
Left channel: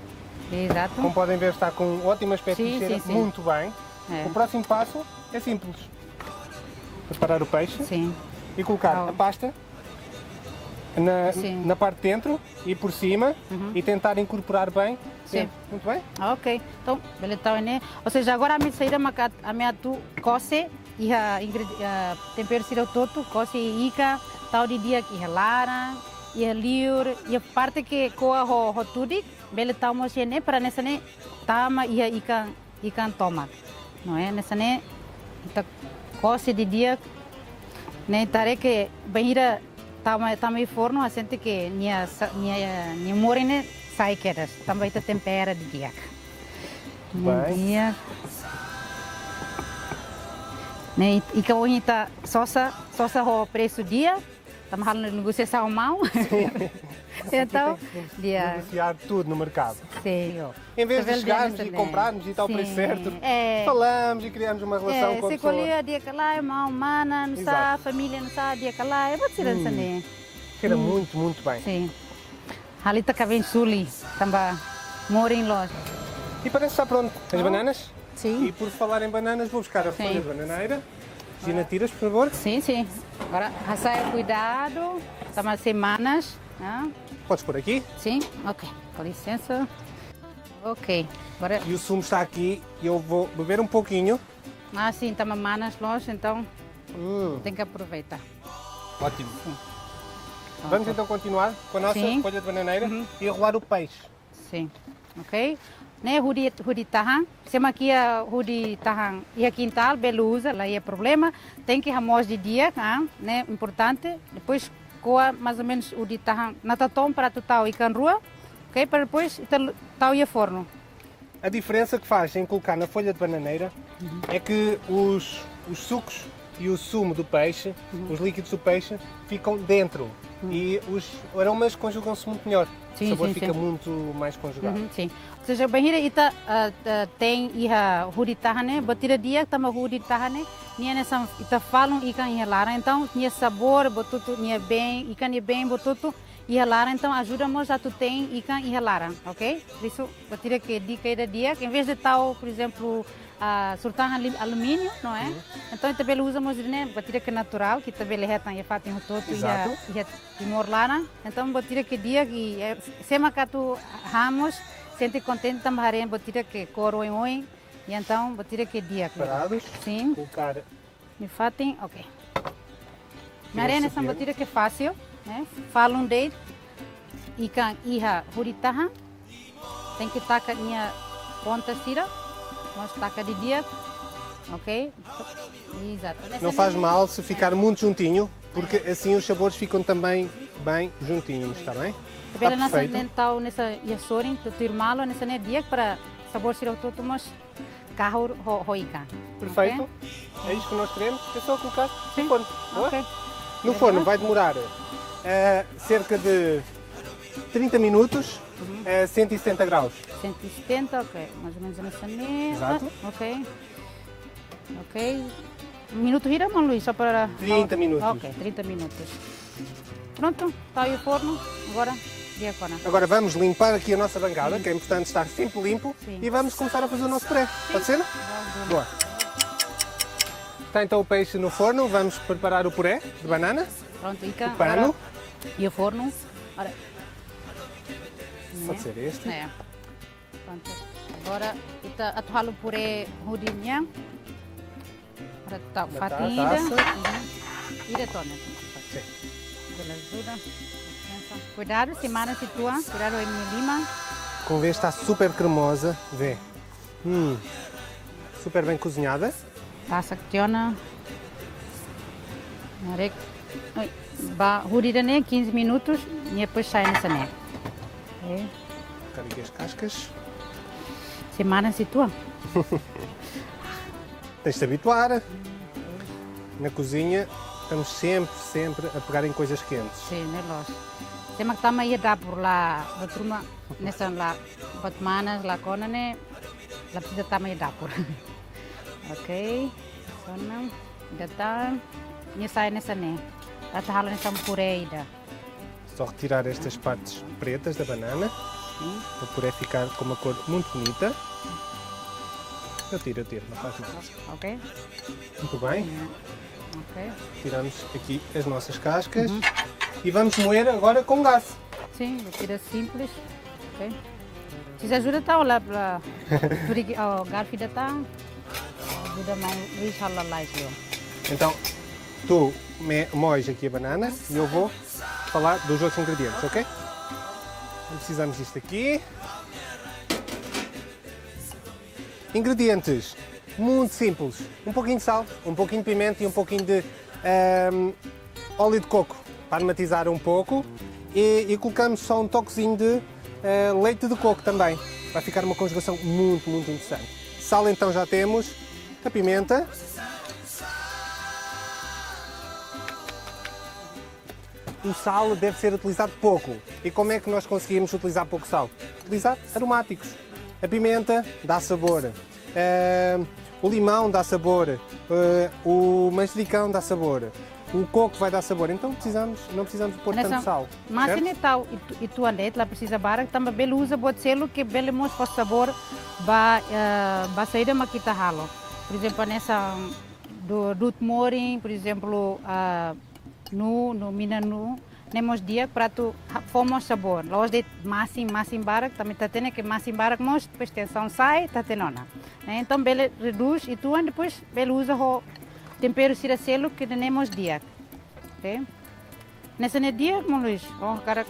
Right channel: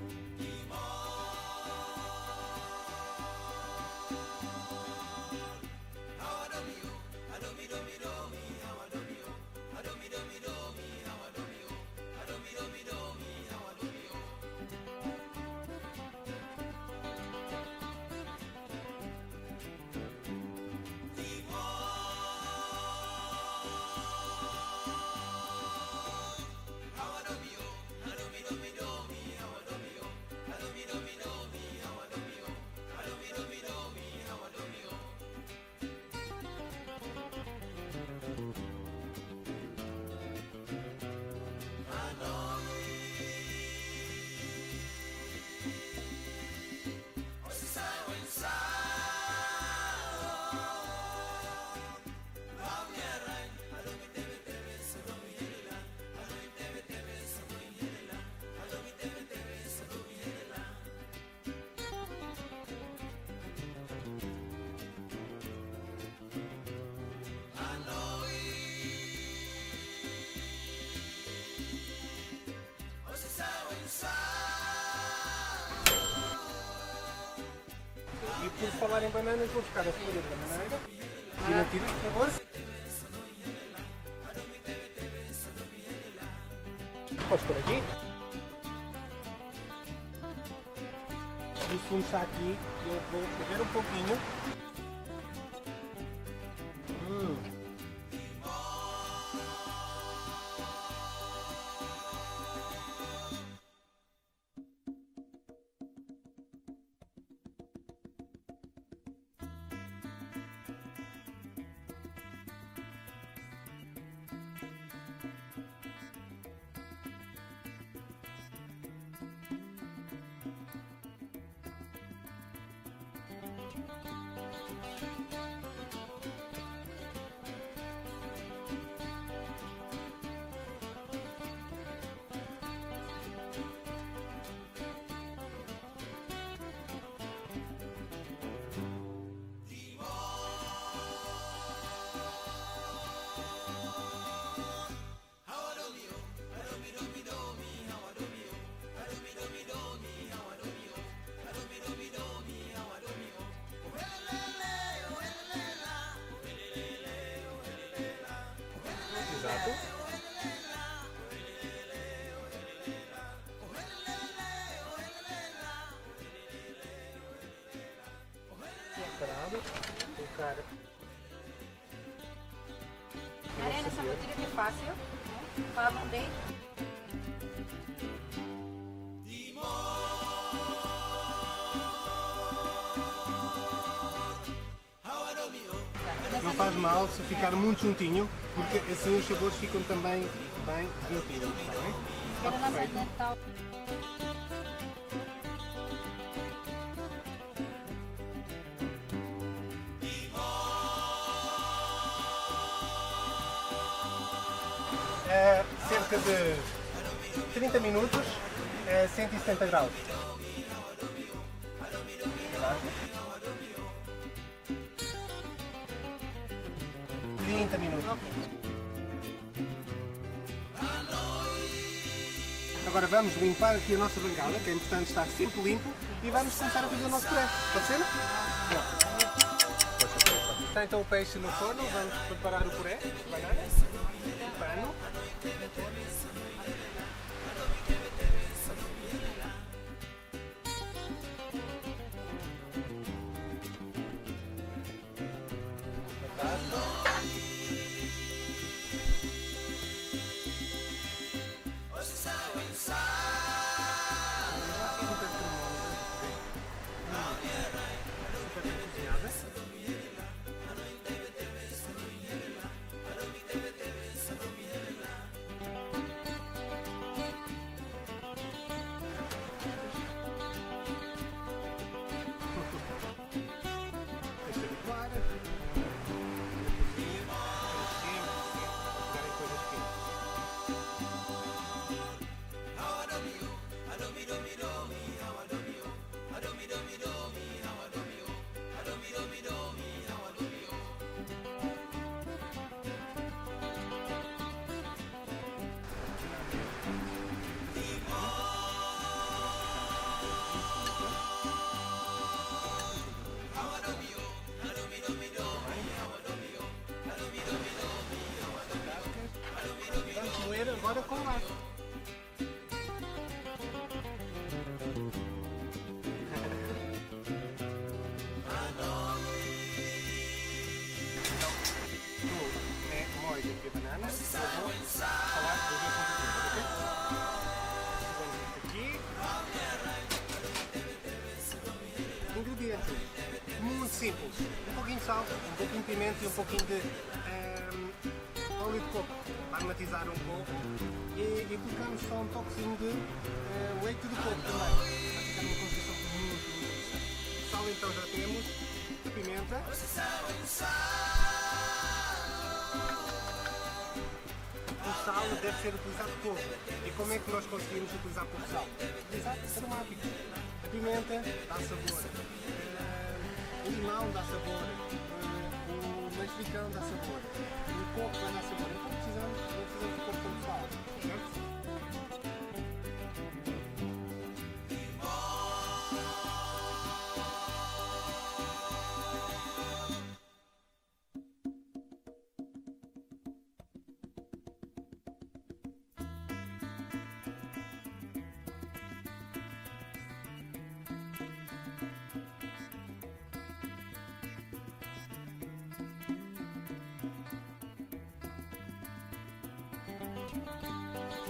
Exato. Como podem ver, está com um ótimo aspecto Sim, de cheiro, sim. muito bem. É. O próximo passo é simples. Preparar o peixe Sim. e colocar Ah. a pasta Sim. na parte de dentro e por cima e tentar incorporar bem. Sim. Muito bem? Ok, então, beleza, tá, né? Ou seja, agora a minha saída, a minha tu coce e a tempero siro todo, coce e ica, tal de dia que lara, e a liur, e a parte que coa ho tudo, beleza, tá, mas né, para nessa né, tama e a ica toma, não é? Nessa né, tá coce de dia, né, tare que banheira tá meio forno, a gente que minha morena sai quedas, também tá tempera de dia. Bem. Dia. Né, e que hoje tá sosa o preço dia, estamos falando de negociação mal. Então, dia. Negociar tudo no mercado. Sim. Em vez de Tá chegarmos vendo, e comprarmos e tal sim. preço certo, É. falamos e criamos uma relação com a Se pessoa. colhia dia que lá, irmão, mana, não sabe, Exato. família não sabe, dia que lá, eu vou tirar isso ali. Cheira muito, muito bem. Sim. Ali tá cabendo suli, também mora em loja. E parece que está pronto. As bananas? Sim. E por falar em bananas, vou buscar a folha Sim. de bananeira. Cristina, tiras, por favor. Sim, sim. Agora, raçaia cuidado. Estamos semanas. Né? Podes pôr aqui. Sim, ok. Com licença. Ok. Agora, E o sumo está aqui e eu vou beber um pouquinho. sim, estamos manas longe, então tem que aproveitar. Ótimo. Vamos então continuar com a nossa Sim. folha de bananeira e rolar o peixe. Sim, ok? Né, hudi tahan. Sema aqui a hudi tahan e a quintal, belusa, lá é problema. Tem que ramos de dia, né? Importante. Depois coa mais ou menos hudi tahan na tatom para tu tal e can rua, ok? Para depois tal e forno. A diferença que faz em colocar na folha de bananeira é que os sucos e o sumo do peixe, os líquidos do peixe, ficam dentro e os aromas conjugam-se muito melhor. Sim, o sabor sim, fica sim. muito mais conjugado. Sim. Ou seja, bahira ita tem iha hudi tahane, batira dia tama hudi tahane, nia nessa ita falam ikan iha lara, então nia sabor botutu nia bem, ikan nia bem botutu iha lara, então ajuda-nos a tu tem ikan iha lara, ok? Por isso, batira que dica da dia, que em vez de tal, por exemplo, sultan alumínio, não é? Então também usamos né, batira que natural, que também lhe retam e fatem no todo e timor lara, então batira que dia que sema que tu ramos sente contente também batira que coro em oi e então batira que dia Preparados? sim Colocar e fatem ok na arena essa batira que é fácil né falam de ikan iha puritaha tem que tacar minha pronta tira vamos tacar de dia ok exato Não faz mal se ficar muito juntinho, porque assim os sabores ficam também bem juntinhos, está bem? Está Pela nossa perfeito. dental nessa yasorin, tu irmalo nessa né dia para sabor sirau tu mas carro hoika. Perfeito. É isso que nós queremos. É só colocar no forno. Boa? Ok. No forno vai demorar cerca de 30 minutos a 170 graus. 170, ok. Mais ou menos nessa mesa. Exato. Ok. Ok. Minuto vira, mano, Luís, só para... 30 minutos. Ok, 30 minutos. Pronto, está aí o forno. Agora, e agora? Agora vamos limpar aqui a nossa bancada, que é importante estar sempre limpo, e vamos começar a fazer o nosso puré. Pode ser? Boa. Está então o peixe no forno, vamos preparar o puré de banana, Pronto, fica. o pano. E o forno. Ora, Pode ser este. é. Pronto. Agora, kita atual o puré rudinha. Tá, fatinha. taça. E detona. Cuidado, semana situa, cuidado em lima. Como vê, está super cremosa. Vê. Super bem cozinhada. Taça tiona. Marek. Ba hurida né 15 minutos e depois sai nessa né. Ok. Aqui as cascas. Semana situa. Tens de se habituar. Na cozinha estamos sempre a pegar em coisas quentes. Sim, né, lógico. Tema que tama ia dar por lá, a turma nessa lá, Fatmanas, lá cona né, lá precisa tama ia dar por. Ok, cona, já tá, nessa né, a tarra nessa puré ainda. Só retirar estas partes pretas da banana, para o puré ficar com uma cor muito bonita. Eu tiro, não faz mal. Ok, Muito bem. ok. Tiramos aqui as nossas cascas e vamos moer agora com gás. Sim, tira simples. Ok. Se ajuda tá lá para o garfo ainda tá, ajuda mais, deixa lá lá Então, tu moes aqui a banana e eu vou falar dos outros ingredientes, ok? Precisamos disto aqui. Ingredientes muito simples. Um pouquinho de sal, um pouquinho de pimenta e um pouquinho de óleo de coco para aromatizar um pouco. E colocamos só um toquezinho de leite de coco também. Vai ficar uma conjugação muito interessante. Sal então já temos. A pimenta. O sal deve ser utilizado pouco. E como é que nós conseguimos utilizar pouco sal? Utilizar aromáticos. A pimenta dá sabor, o limão dá sabor, o manjericão dá sabor, o coco vai dar sabor. Então não precisamos pôr tanto sal. Mas certo? se tal e tu andete lá precisa bara também bele usa pode ser que bele mos para sabor ba sair da maquita halo. Por exemplo nessa do moring, por exemplo, no minanu, temos dia para tu fomos sabor. Los de massim barak, também tá tendo que massim barak nós depois tem são sai, tá tendo na. Então ele reduz e tu depois ele usa o tempero siracelo que temos dia. Ok? Nessa dia, Luís, bom, cara.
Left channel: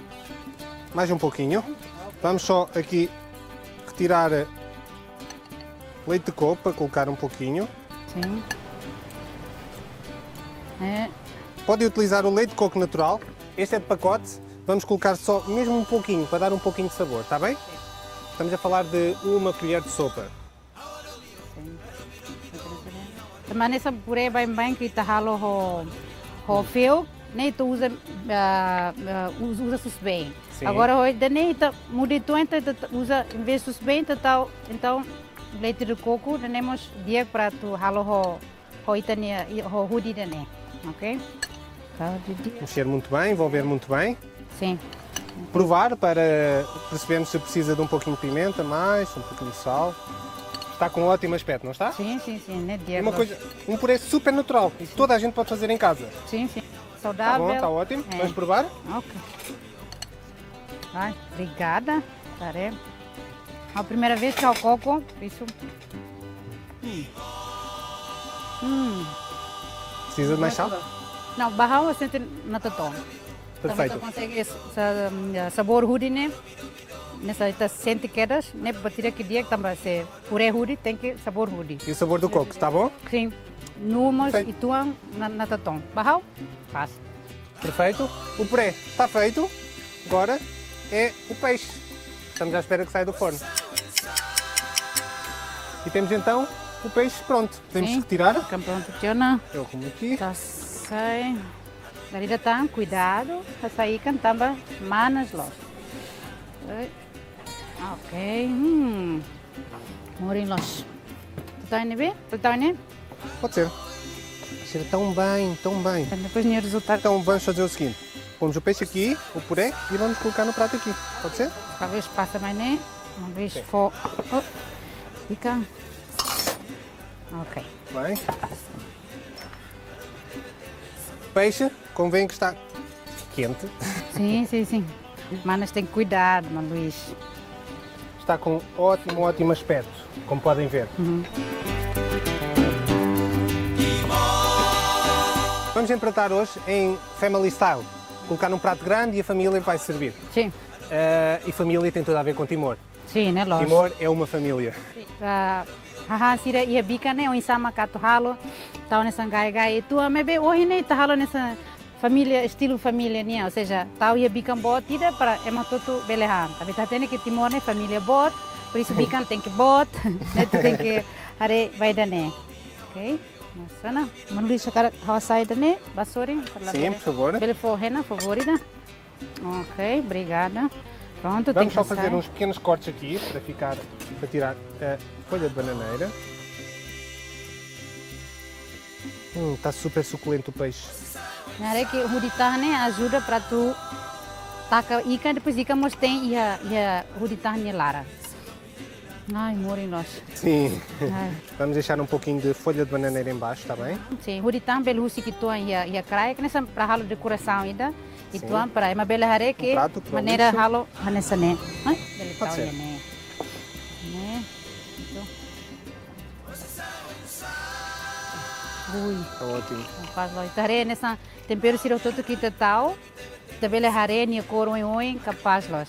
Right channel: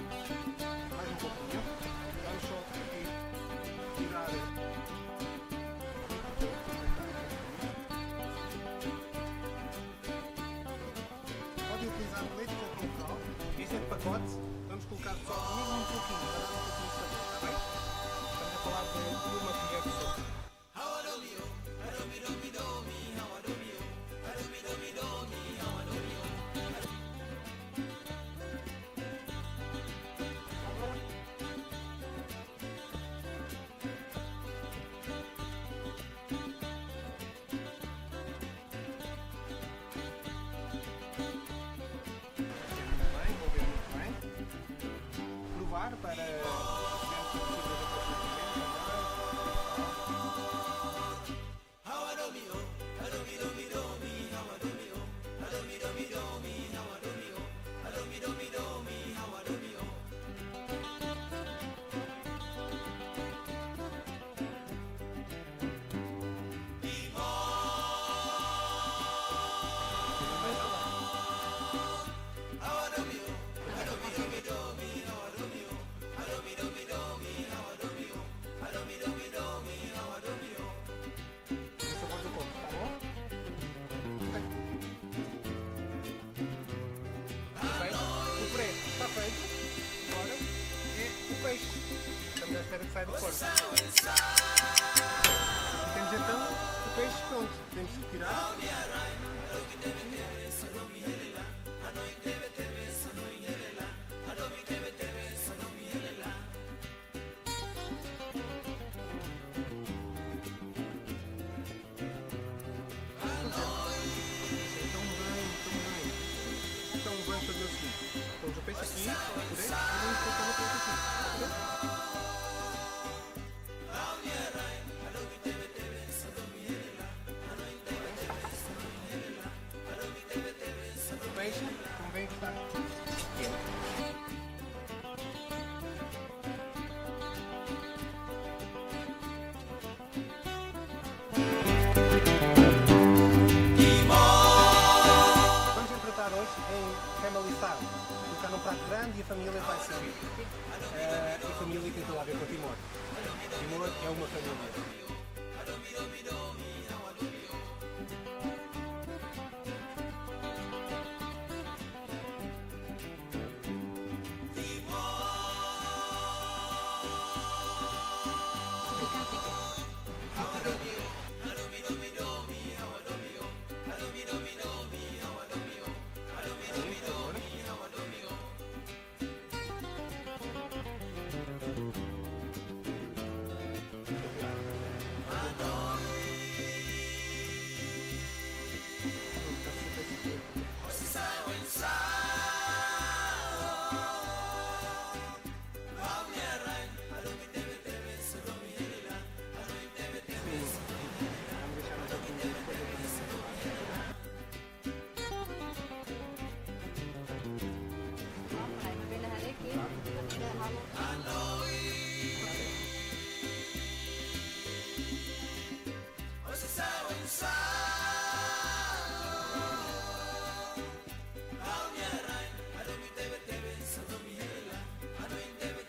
Mais um pouquinho. Vamos só aqui retirar leite de coco para colocar um pouquinho. Sim. Pode utilizar o leite de coco natural. Este é de pacote. Vamos colocar só mesmo um pouquinho para dar um pouquinho de sabor, está bem? Estamos a falar de uma colher de sopa. Também nessa purê bem que tá ralo o fio, nem tu usa susbem. Sim. Agora hoje nem tá mudito então usa em vez de susbem então leite de coco temos dia para tu ralo o itania o hudi dane, ok? Mexer muito bem, envolver muito bem. Sim. Provar para percebermos se precisa de um pouquinho de pimenta, mais, um pouquinho de sal. Está com um ótimo aspecto, não está? Sim, né dia. É uma coisa, um purê super natural, que toda a gente pode fazer em casa. Sim. Está Saudável. bom, está ótimo. É. Vamos provar? Ok. Ai, obrigada. Taré. A primeira vez que eu coco, isso. Precisa de mais sal? Não, barral eu sinto na totó. Perfeito. Consegue esse sabor hudi, né? Nessa sente quedas, né? Para tirar que dia que também se purê hudi tem que sabor hudi. E o sabor do coco, está bom? Sim. Numos Perfeito. e tuam na totó. Barral? Faz. Perfeito. O puré está feito. Agora é o peixe. Estamos à espera que saia do forno. E temos então o peixe pronto. Temos que retirar. Campeão funciona. Eu como aqui. Tá sai. Darida tá, cuidado. Tá sair cantamba manas logo. Ok. Morim los. Tá indo bem? Tá indo? Pode ser. Cheira tão bem, tão bem. Depois nem resultado. Então vamos fazer o seguinte. Pomos o peixe aqui, o puré, e vamos colocar no prato aqui. Pode ser? Talvez passa mais, né? Talvez for. Fica. Ok. Bem. O peixe, convém que está quente. Sim. Manas tem que cuidar, não, Luís. Está com ótimo aspecto, como podem ver. Vamos empratar hoje em Family Style. Colocar num prato grande e a família vai servir. Sim. E família tem tudo a ver com Timor. Sim, né, lógico. Timor é uma família. Haha, sira ia bica, né? O insama kato halo. Tau nessa gai. Tu a mebe hoje, né? Tá halo nessa família, estilo família, né? Ou seja, tau ia bica bot, tira para ematoto belehan. Tapi tá tendo que Timor, né? Família bot. Por isso bica tem que bot. Né? Tu tem que are vai dane. Ok? Sana, não deixa cara sair também, vassoura. Sim, por favor. Ele for rena favorita. Ok, obrigada. Pronto, tem Vamos que só fazer sair. uns pequenos cortes aqui para tirar a folha de bananeira. Está super suculento o peixe. Nare que o huditah né ajuda para tu taca ikan depois ikan mos tem ia huditah ne lara. Ai, morim nós. Sim. Vamos deixar um pouquinho de folha de bananeira em baixo, está bem? Sim, huditah belusi que tu ia crai que nessa para halo decoração ainda. E tu para uma bela hare que prato que maneira isso. halo nessa né. Pode ser. Ótimo. Faz lá. Hare nessa tempero siro todo que tal. Da bela hare ni cor oi capaz los.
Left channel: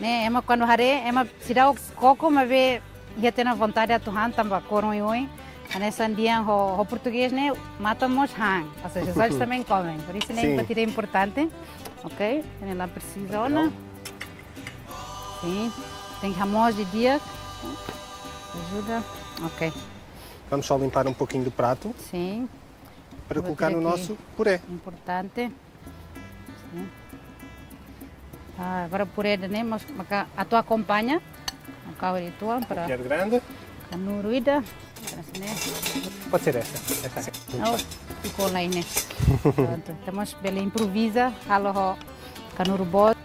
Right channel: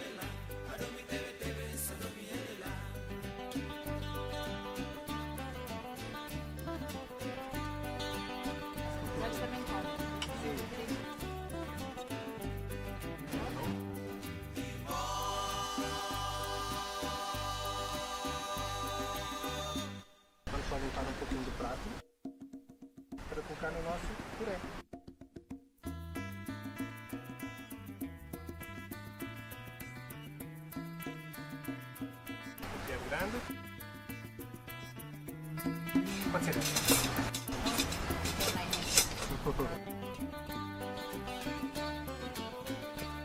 Né, é uma quando hare é uma tirar o coco mas ver ia ter na vontade a tuhan tamba cor oi. Nessa dia o português né matamos hang. Ou seja, os outros também comem. Por isso né para tirar é importante. Ok? Ela precisa olha. Sim. Tem ramos de dia. Ajuda. Ok. Vamos só limpar um pouquinho do prato Sim. para Vou colocar no tirar aqui. nosso puré. Importante. Sim. Agora puré né, mas a tua acompanha. A causa tua para Quer grande? a nuruida. Né? Pode ser esta. Oh, ficou lá né. Pronto. Temos bela improvisa. Halo canuru bot.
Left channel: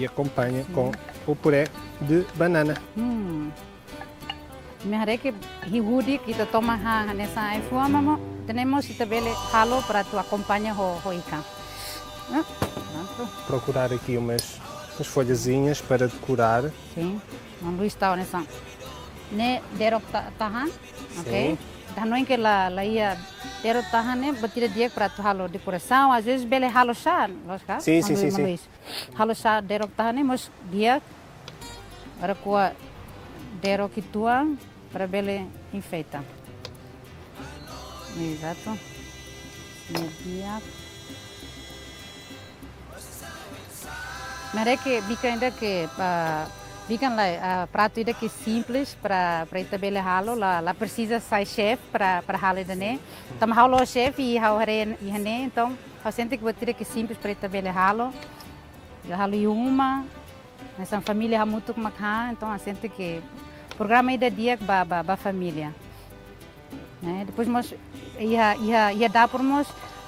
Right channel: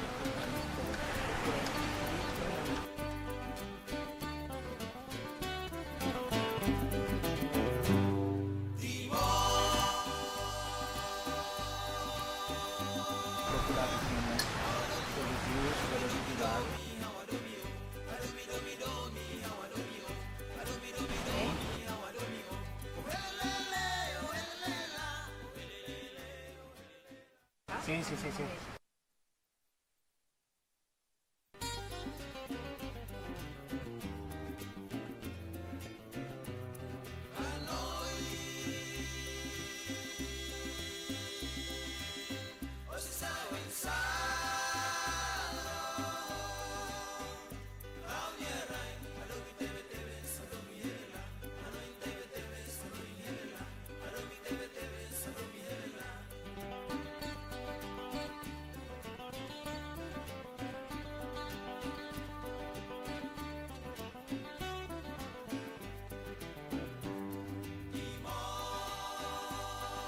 E acompanha com o puré de banana. Me haré que hihudi kita toma nessa influama, temos também halo para tu acompanhar o ikan. Procurar aqui umas folhazinhas para decorar. Sim, vamos listar nessa. Ne derok tahan, ok? Não é que lá ia derok tahan né, batida dia para tu halo decoração, às vezes bele halo chá, lógico? Sim. Halo chá derok tahan né, mas dia para kuat derok ituan para bele enfeita. Exato. Dia. Mas que bica ainda que bican lá prato ainda que simples para estabelecer halo lá precisa sai chef para halo né. Tam halo chef e halo né, então a gente que botar que simples para estabelecer halo uma nessa família muito como então a gente que programa ainda dia ba família. Né? Depois nós ia dar por nós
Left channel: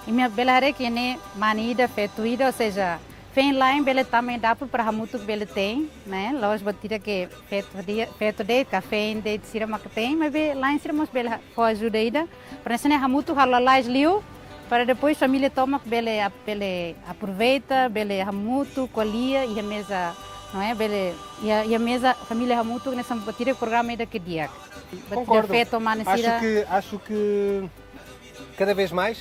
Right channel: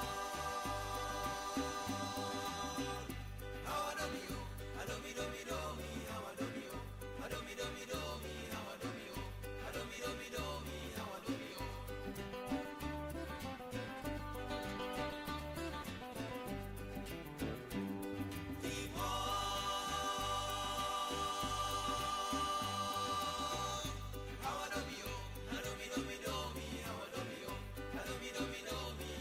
e minha bela que né manida feituida, ou seja, vem lá em Bele também dá para muito Bele tem, né? Lojas batida que feito de café de sirama que tem, mas lá em sirama Bele com ajuda ainda para ensinar muito halalais liu para depois família toma Bele aproveita Bele muito colia e a mesa não é Bele e a mesa família muito nessa batida programa ainda que dia. Concordo. Acho que cada vez mais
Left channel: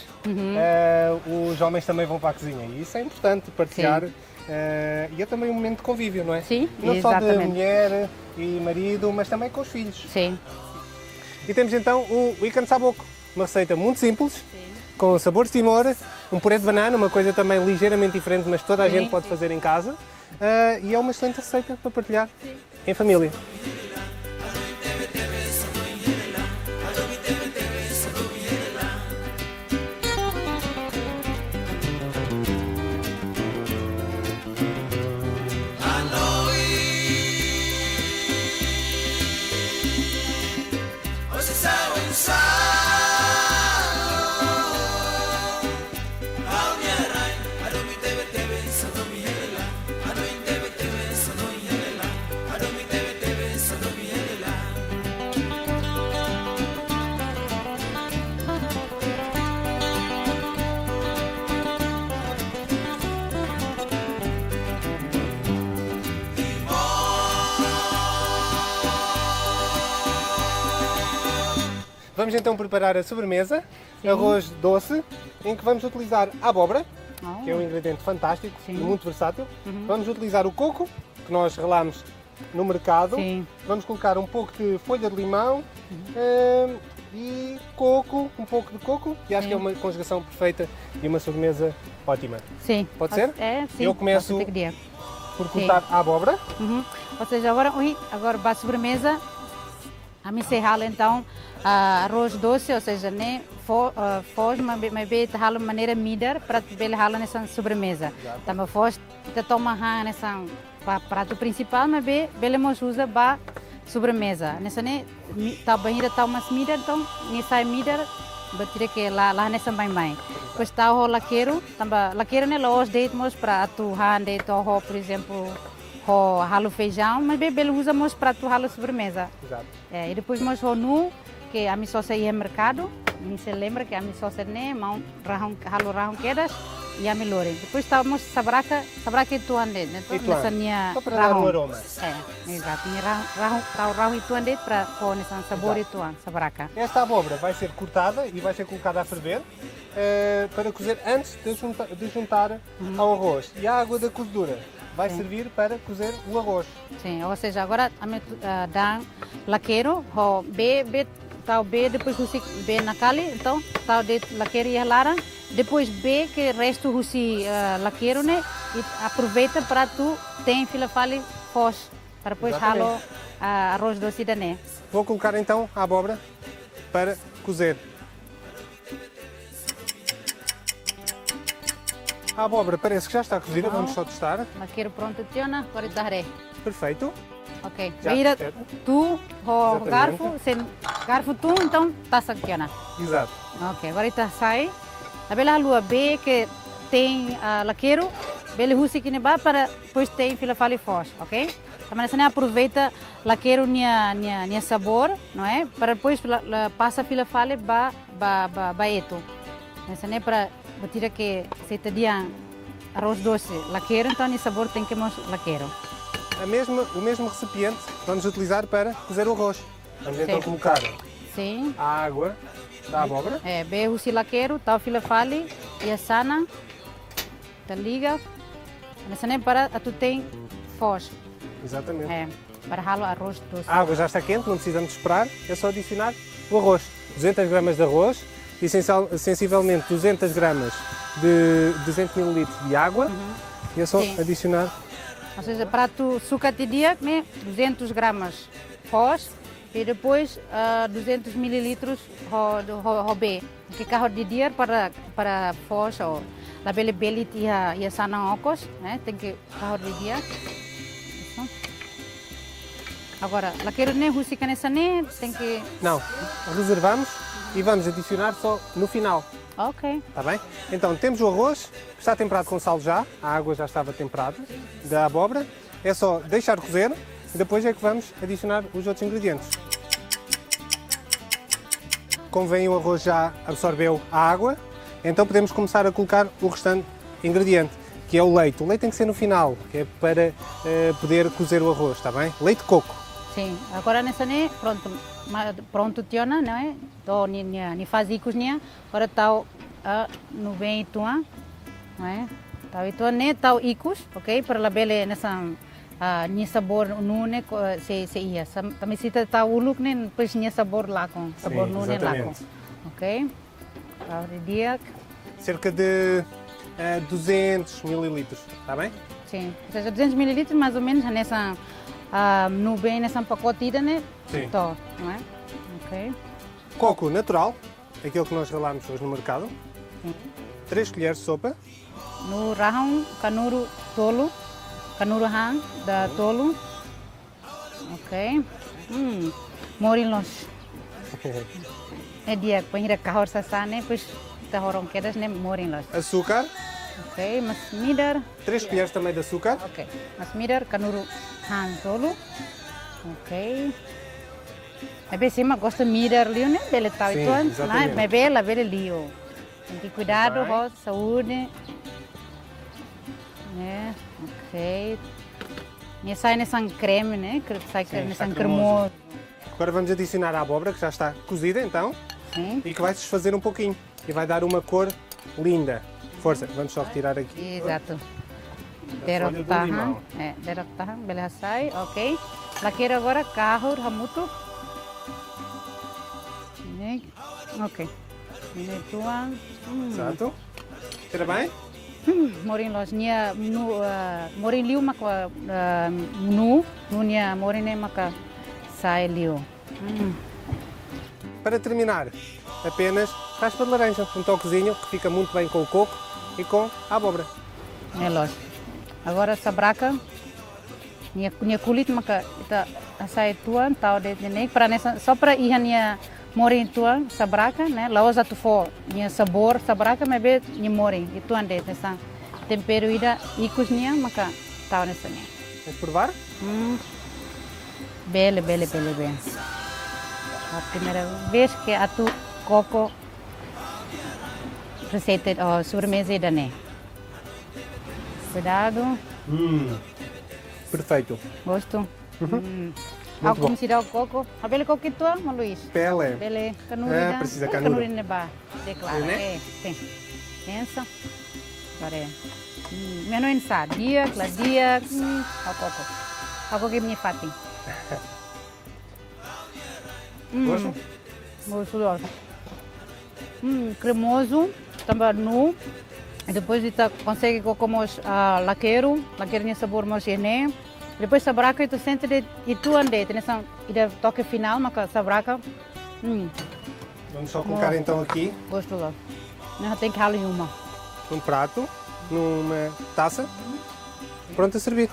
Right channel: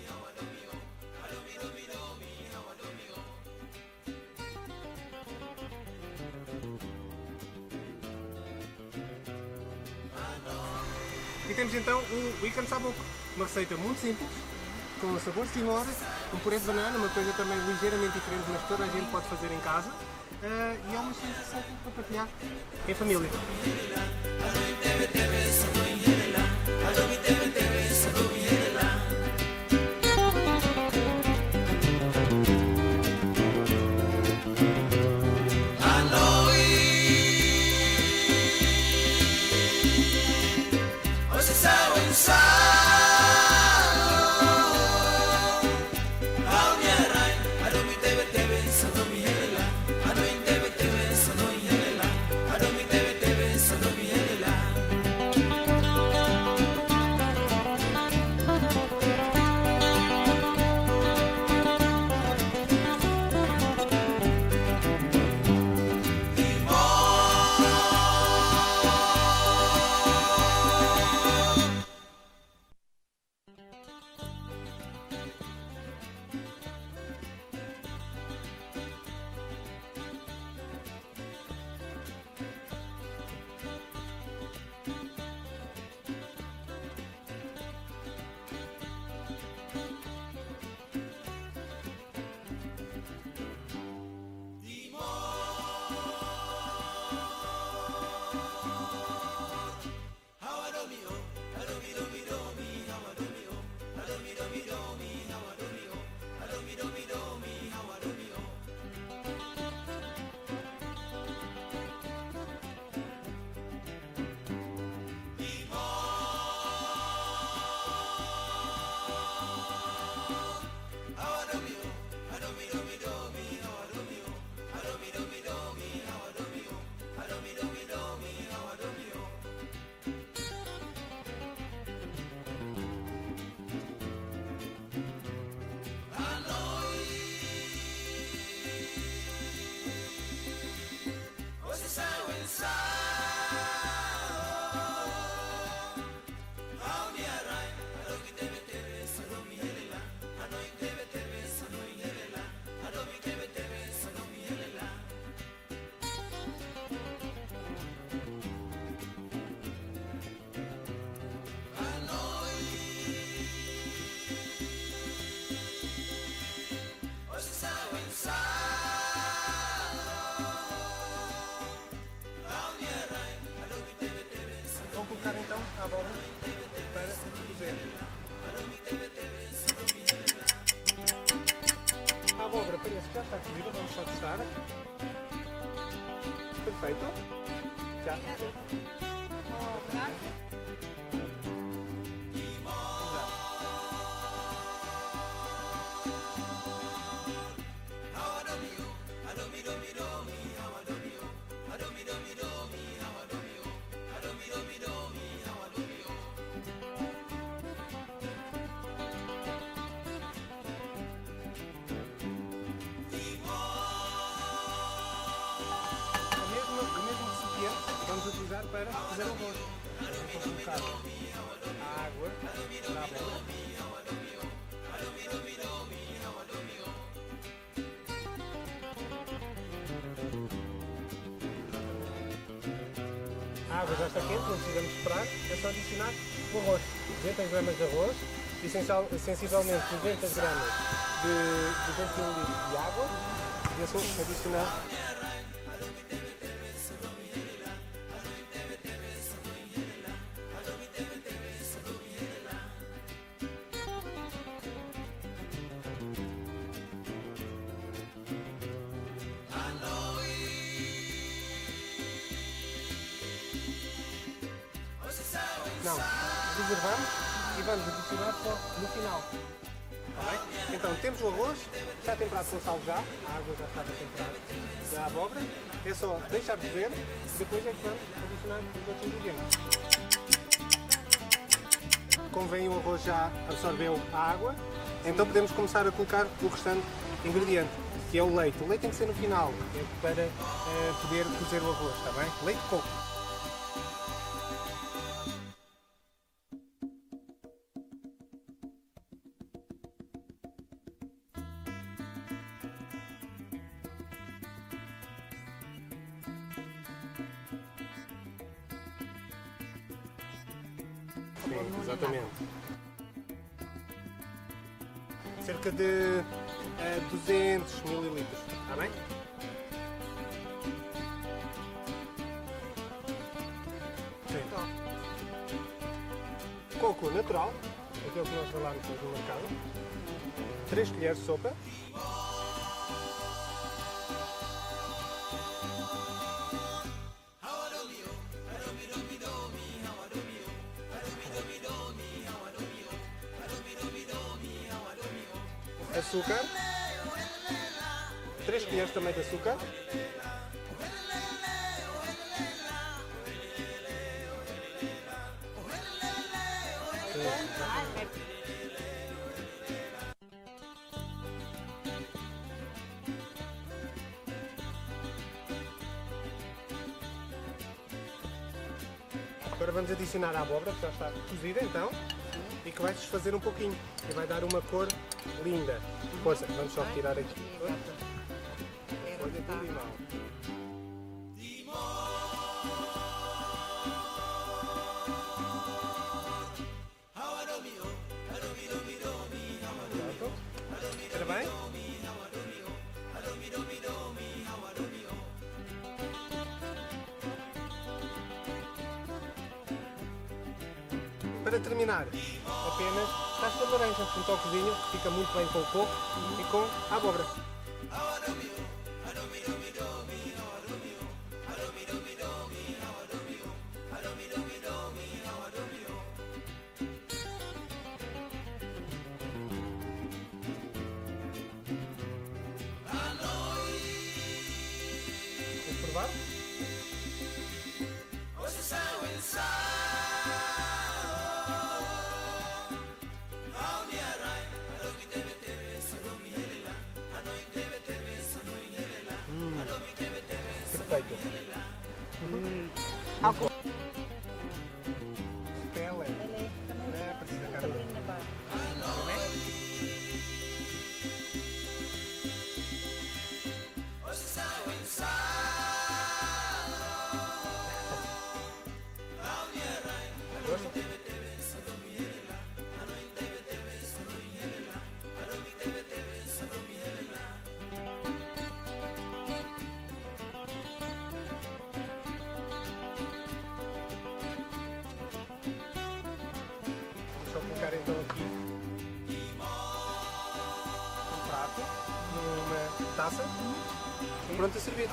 os homens também vão para a cozinha e isso é importante partilhar e é também um momento de convívio, não é? Sim, não exatamente. Só de mulher e marido, mas também com os filhos. Sim. E temos então o ikan saboco, uma receita muito simples, com sabor de timor, um puré de banana, uma coisa também ligeiramente diferente, mas toda a gente pode fazer em casa e é uma excelente receita para partilhar em família. Vamos então preparar a sobremesa, arroz doce, em que vamos utilizar a abóbora, que é um ingrediente fantástico e muito versátil. Vamos utilizar o coco, que nós relamos no mercado. Vamos colocar um pouco de folha de limão e coco, um pouco de coco, que acho que é uma conjugação perfeita e uma sobremesa ótima. Sim. Pode ser? Sim. Eu começo por cortar a abóbora. Ou seja, agora para a sobremesa, a me serrar então arroz doce, ou seja, né, foz, mas bem de maneira midar para bem nessa sobremesa. Também foz que toma nessa prato principal, mas bem usa para sobremesa. Nessa né, tá banheira tá umas midar, então nessa midar bater que lá nessa bem. Depois tá o laqueiro, também laqueiro né, lá os deitos para atuar de torro, por exemplo, o ralo feijão, mas bem usa para atuar a sobremesa. E depois nós nu que a minha sócia ia ao mercado, se lembra que a minha sócia né, mão ralo quedas e a melhore. Depois estávamos sabraca tu ande, né? Nessa minha aroma. Exato. Ralo e tu ande para pôr nesse sabor e tu ande, sabraca. Esta abóbora vai ser cortada e vai ser colocada a ferver para cozer antes de juntar ao arroz. E a água da cozedura vai servir para cozer o arroz. Sim, ou seja, agora a minha dá laqueiro, tal B depois você B na cali, então tal de laqueiro e lara, depois B que resto você laqueiro né e aproveita para tu tem fila fale fos para depois halo arroz doce da né. Vou colocar então a abóbora para cozer. A abóbora parece que já está cozida, vamos só testar. Laqueiro pronto, tiona, agora daré. Perfeito. Ok. Já Vira perfeito. tu o garfo tu então tá saquiana. Exato. Ok, agora está sai. A bela lua B que tem laqueiro, Bele husi que neba para depois tem filafale forte, ok? Mas você aproveita laqueiro nia sabor, não é? Para depois passa filafale ba eto. Mas para tirar que se te dia arroz doce, laqueiro, então o sabor tem que mais laqueiro. O mesmo recipiente vamos utilizar para cozer o arroz. Vamos então colocar Sim. a água da abóbora. Be husi laqueiro, tal filafale, e a sana, te liga. Mas para tu tem forte. Exatamente. Para ralo arroz doce. A água já está quente, não precisamos esperar, é só adicionar o arroz. 200 gramas de arroz e sensivelmente 200 gramas de 200 ml de água e é só adicionar. Ou seja, para tu suca de dia, 200 gramas pós e depois 200 ml de robê. Fica de dia para pós ou la bele e a sana ocos, né? Tem que de dia. Agora, lá quero nem russica nessa nem tem que. Não, reservamos e vamos adicionar só no final. Ok. Está bem? Então temos o arroz, está temperado com sal já, a água já estava temperada, da abóbora. É só deixar cozer e depois é que vamos adicionar os outros ingredientes. Como veem, o arroz já absorveu a água, então podemos começar a colocar o restante ingrediente, que é o leite. O leite tem que ser no final, é para poder cozer o arroz, está bem? Leite de coco. Sim, agora nessa nem pronto tiona, não é? Tô ni faz icos nia, agora tal no bem tua, não é? Tal itu nem tal icos, ok? Para la bele nessa ni sabor nune se ia. Também se tá uluk nem depois ni sabor lá com sabor nune lá com, ok? Agora dia cerca de 200 ml, está bem? sim, ou seja, 200 ml mais ou menos nessa no bem nessa pacotida, né? Sim. Tó, não é? Ok. Coco natural, aquele que nós ralámos hoje no mercado. 3 colheres de sopa. No rahang kanuru tolo, kanuru hang da tolo. Ok. Morinlos. É dia penhira kahor sasane, pois ta horong kedas ne morinlos. Açúcar. Ok, mas midar. 3 colheres também de açúcar. Ok. Mas midar kanuru hang tolo. Ok. Mas cima gosta midar liu né? Bele tal Sim, tuan, exatamente. mas bela liu. Tem que cuidado, ó, saúde. É, ok. E sai nessa creme, né? Sai nessa cremoso. Agora vamos adicionar a abóbora, que já está cozida então, Sim. e que vai se desfazer um pouquinho. E vai dar uma cor linda. Força, vamos só retirar aqui. Exato. Olha Derok do tahan. animal. Derok tahan, bela sai, ok. Laqueira agora, carro, ramuto. Ok. Tuan. Exato. Espera bem? Morin los nia nu morin liu maka nu nia morin ne maka sai liu. Para terminar, apenas raspa de laranja, um toquezinho que fica muito bem com o coco e com a abóbora. Melos. Agora sabraca nia kulit maka ta sai tuan tau de nem para nessa só para ir nia morin tuan sabraca, né? Laos atu fo nia sabor sabraca me be nia morin itu ande essa tempero ida icos nia maka tau nessa. Vamos provar? Bele. A primeira vez que atu coco receita ou sobremesa da né. Cuidado, Perfeito. gosto. Como se dá o coco? A bele coco que tu ama, Luís? Pele. Bele canura. Precisa canura. Canura neba. Claro. Sim. Pensa. Pare. Menos dia, cladia, a coco. A coco que me fati. Gosto? Gostoso. Cremoso, também nu. E depois você consegue colocar laqueiro tem sabor mais gene. Depois sabraca tu sente e tu ande, tem essa toque final, mas sabraca. Vamos só colocar então aqui Gostoso. Não tem que ralar uma. num prato, numa taça, pronto a servir.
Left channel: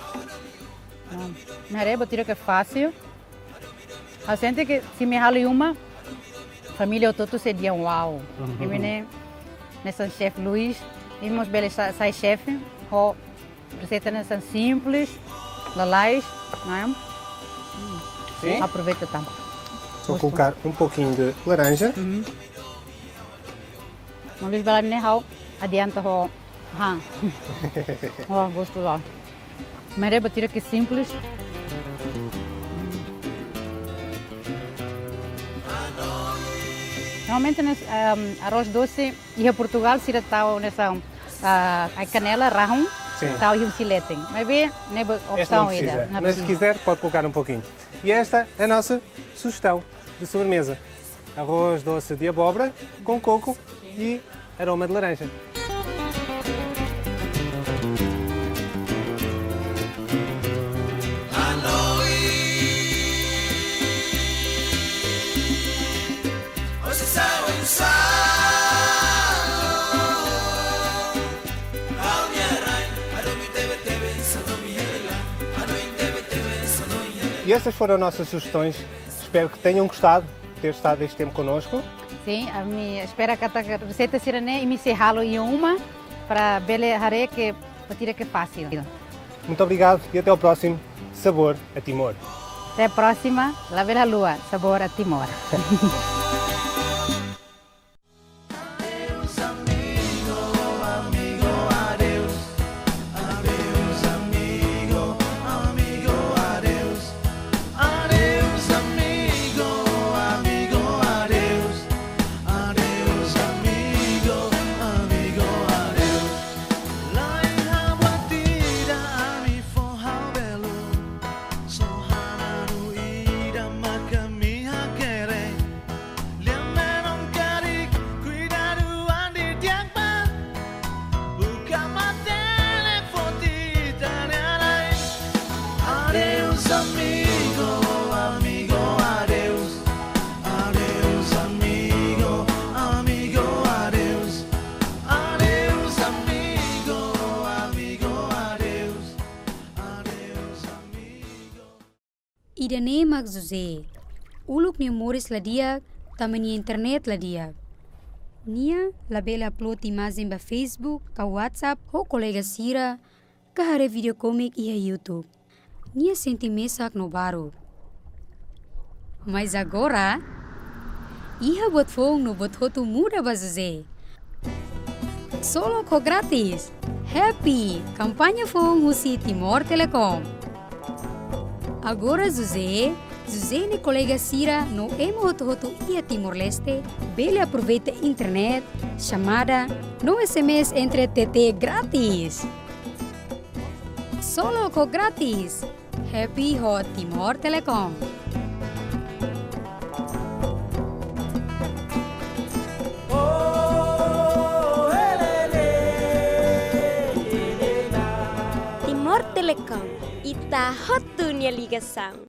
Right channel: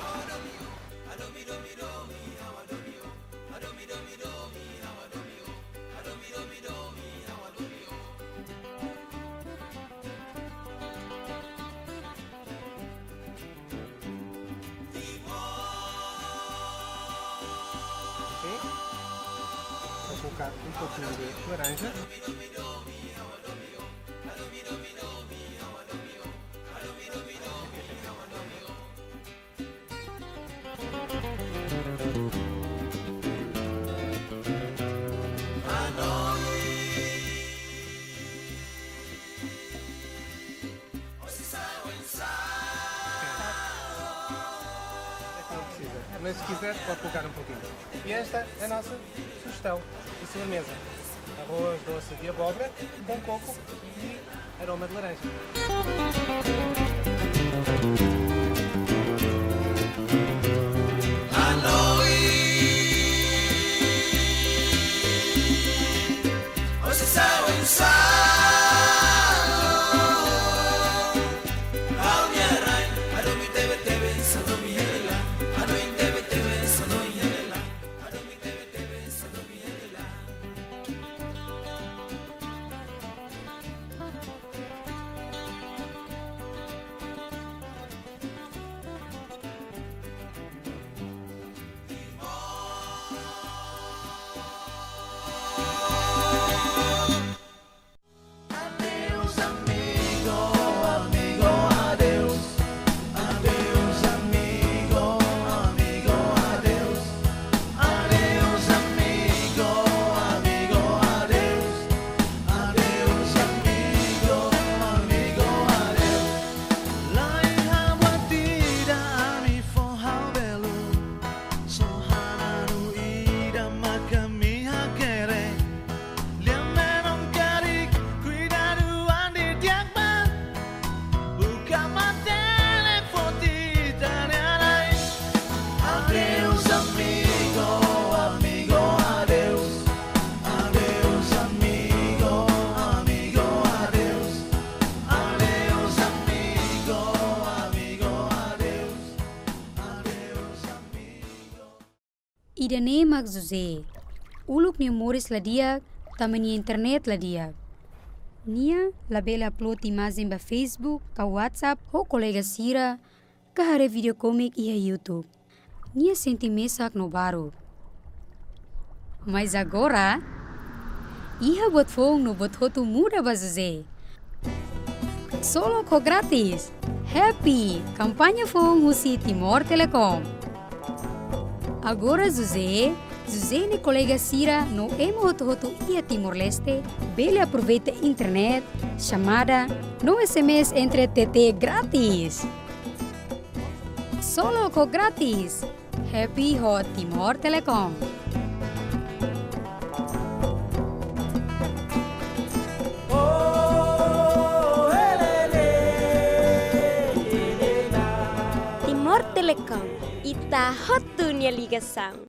Na reba tira que é fácil. A gente que se me rala uma, família todo seria uau. E nessa chefe Luís, vimos bele sai chefe, o receitas são simples, lalais, não é? Sim. Aproveita tanto. Vou colocar um pouquinho de laranja. Não vejo bela minha adianta o gosto lá. Merece bater aqui simples. Normalmente nós arroz doce e em Portugal se tal nessa a canela rajam, tal e filete. Mas bem, não é Esta não opção precisa, ainda. mas se quiser pode colocar um pouquinho. E esta é a nossa sugestão de sobremesa. Arroz doce de abóbora com coco e aroma de laranja. E essas foram nossas sugestões. Espero que tenham gostado de ter estado este tempo connosco. Sim, a minha espera que a receita seja nem me serralo em uma para bele que tira que fácil. Muito obrigado e até ao próximo Sabor a Timor. Até a próxima, La Bela Lua, Sabor a Timor. Idane magzuze, uluk ni Morris ladia, tamani internet ladia. Nia labela upload imagem ba Facebook, ka WhatsApp, ho colega Sira, ka hare video comic e YouTube. Nia senti mesak no baro. Mas agora, iha bot fong no bot hotu muda bazuze. Solo ko grátis. Happy! Campanha fong husi Timor Telecom. Agora José e colega Sira no emo hotu ia Timor-Leste, bele aproveita internet, chamada, no SMS entre TT grátis. Solo com grátis. Happy Hot Timor Telecom. Timor Telecom, ita hot dunia ligação.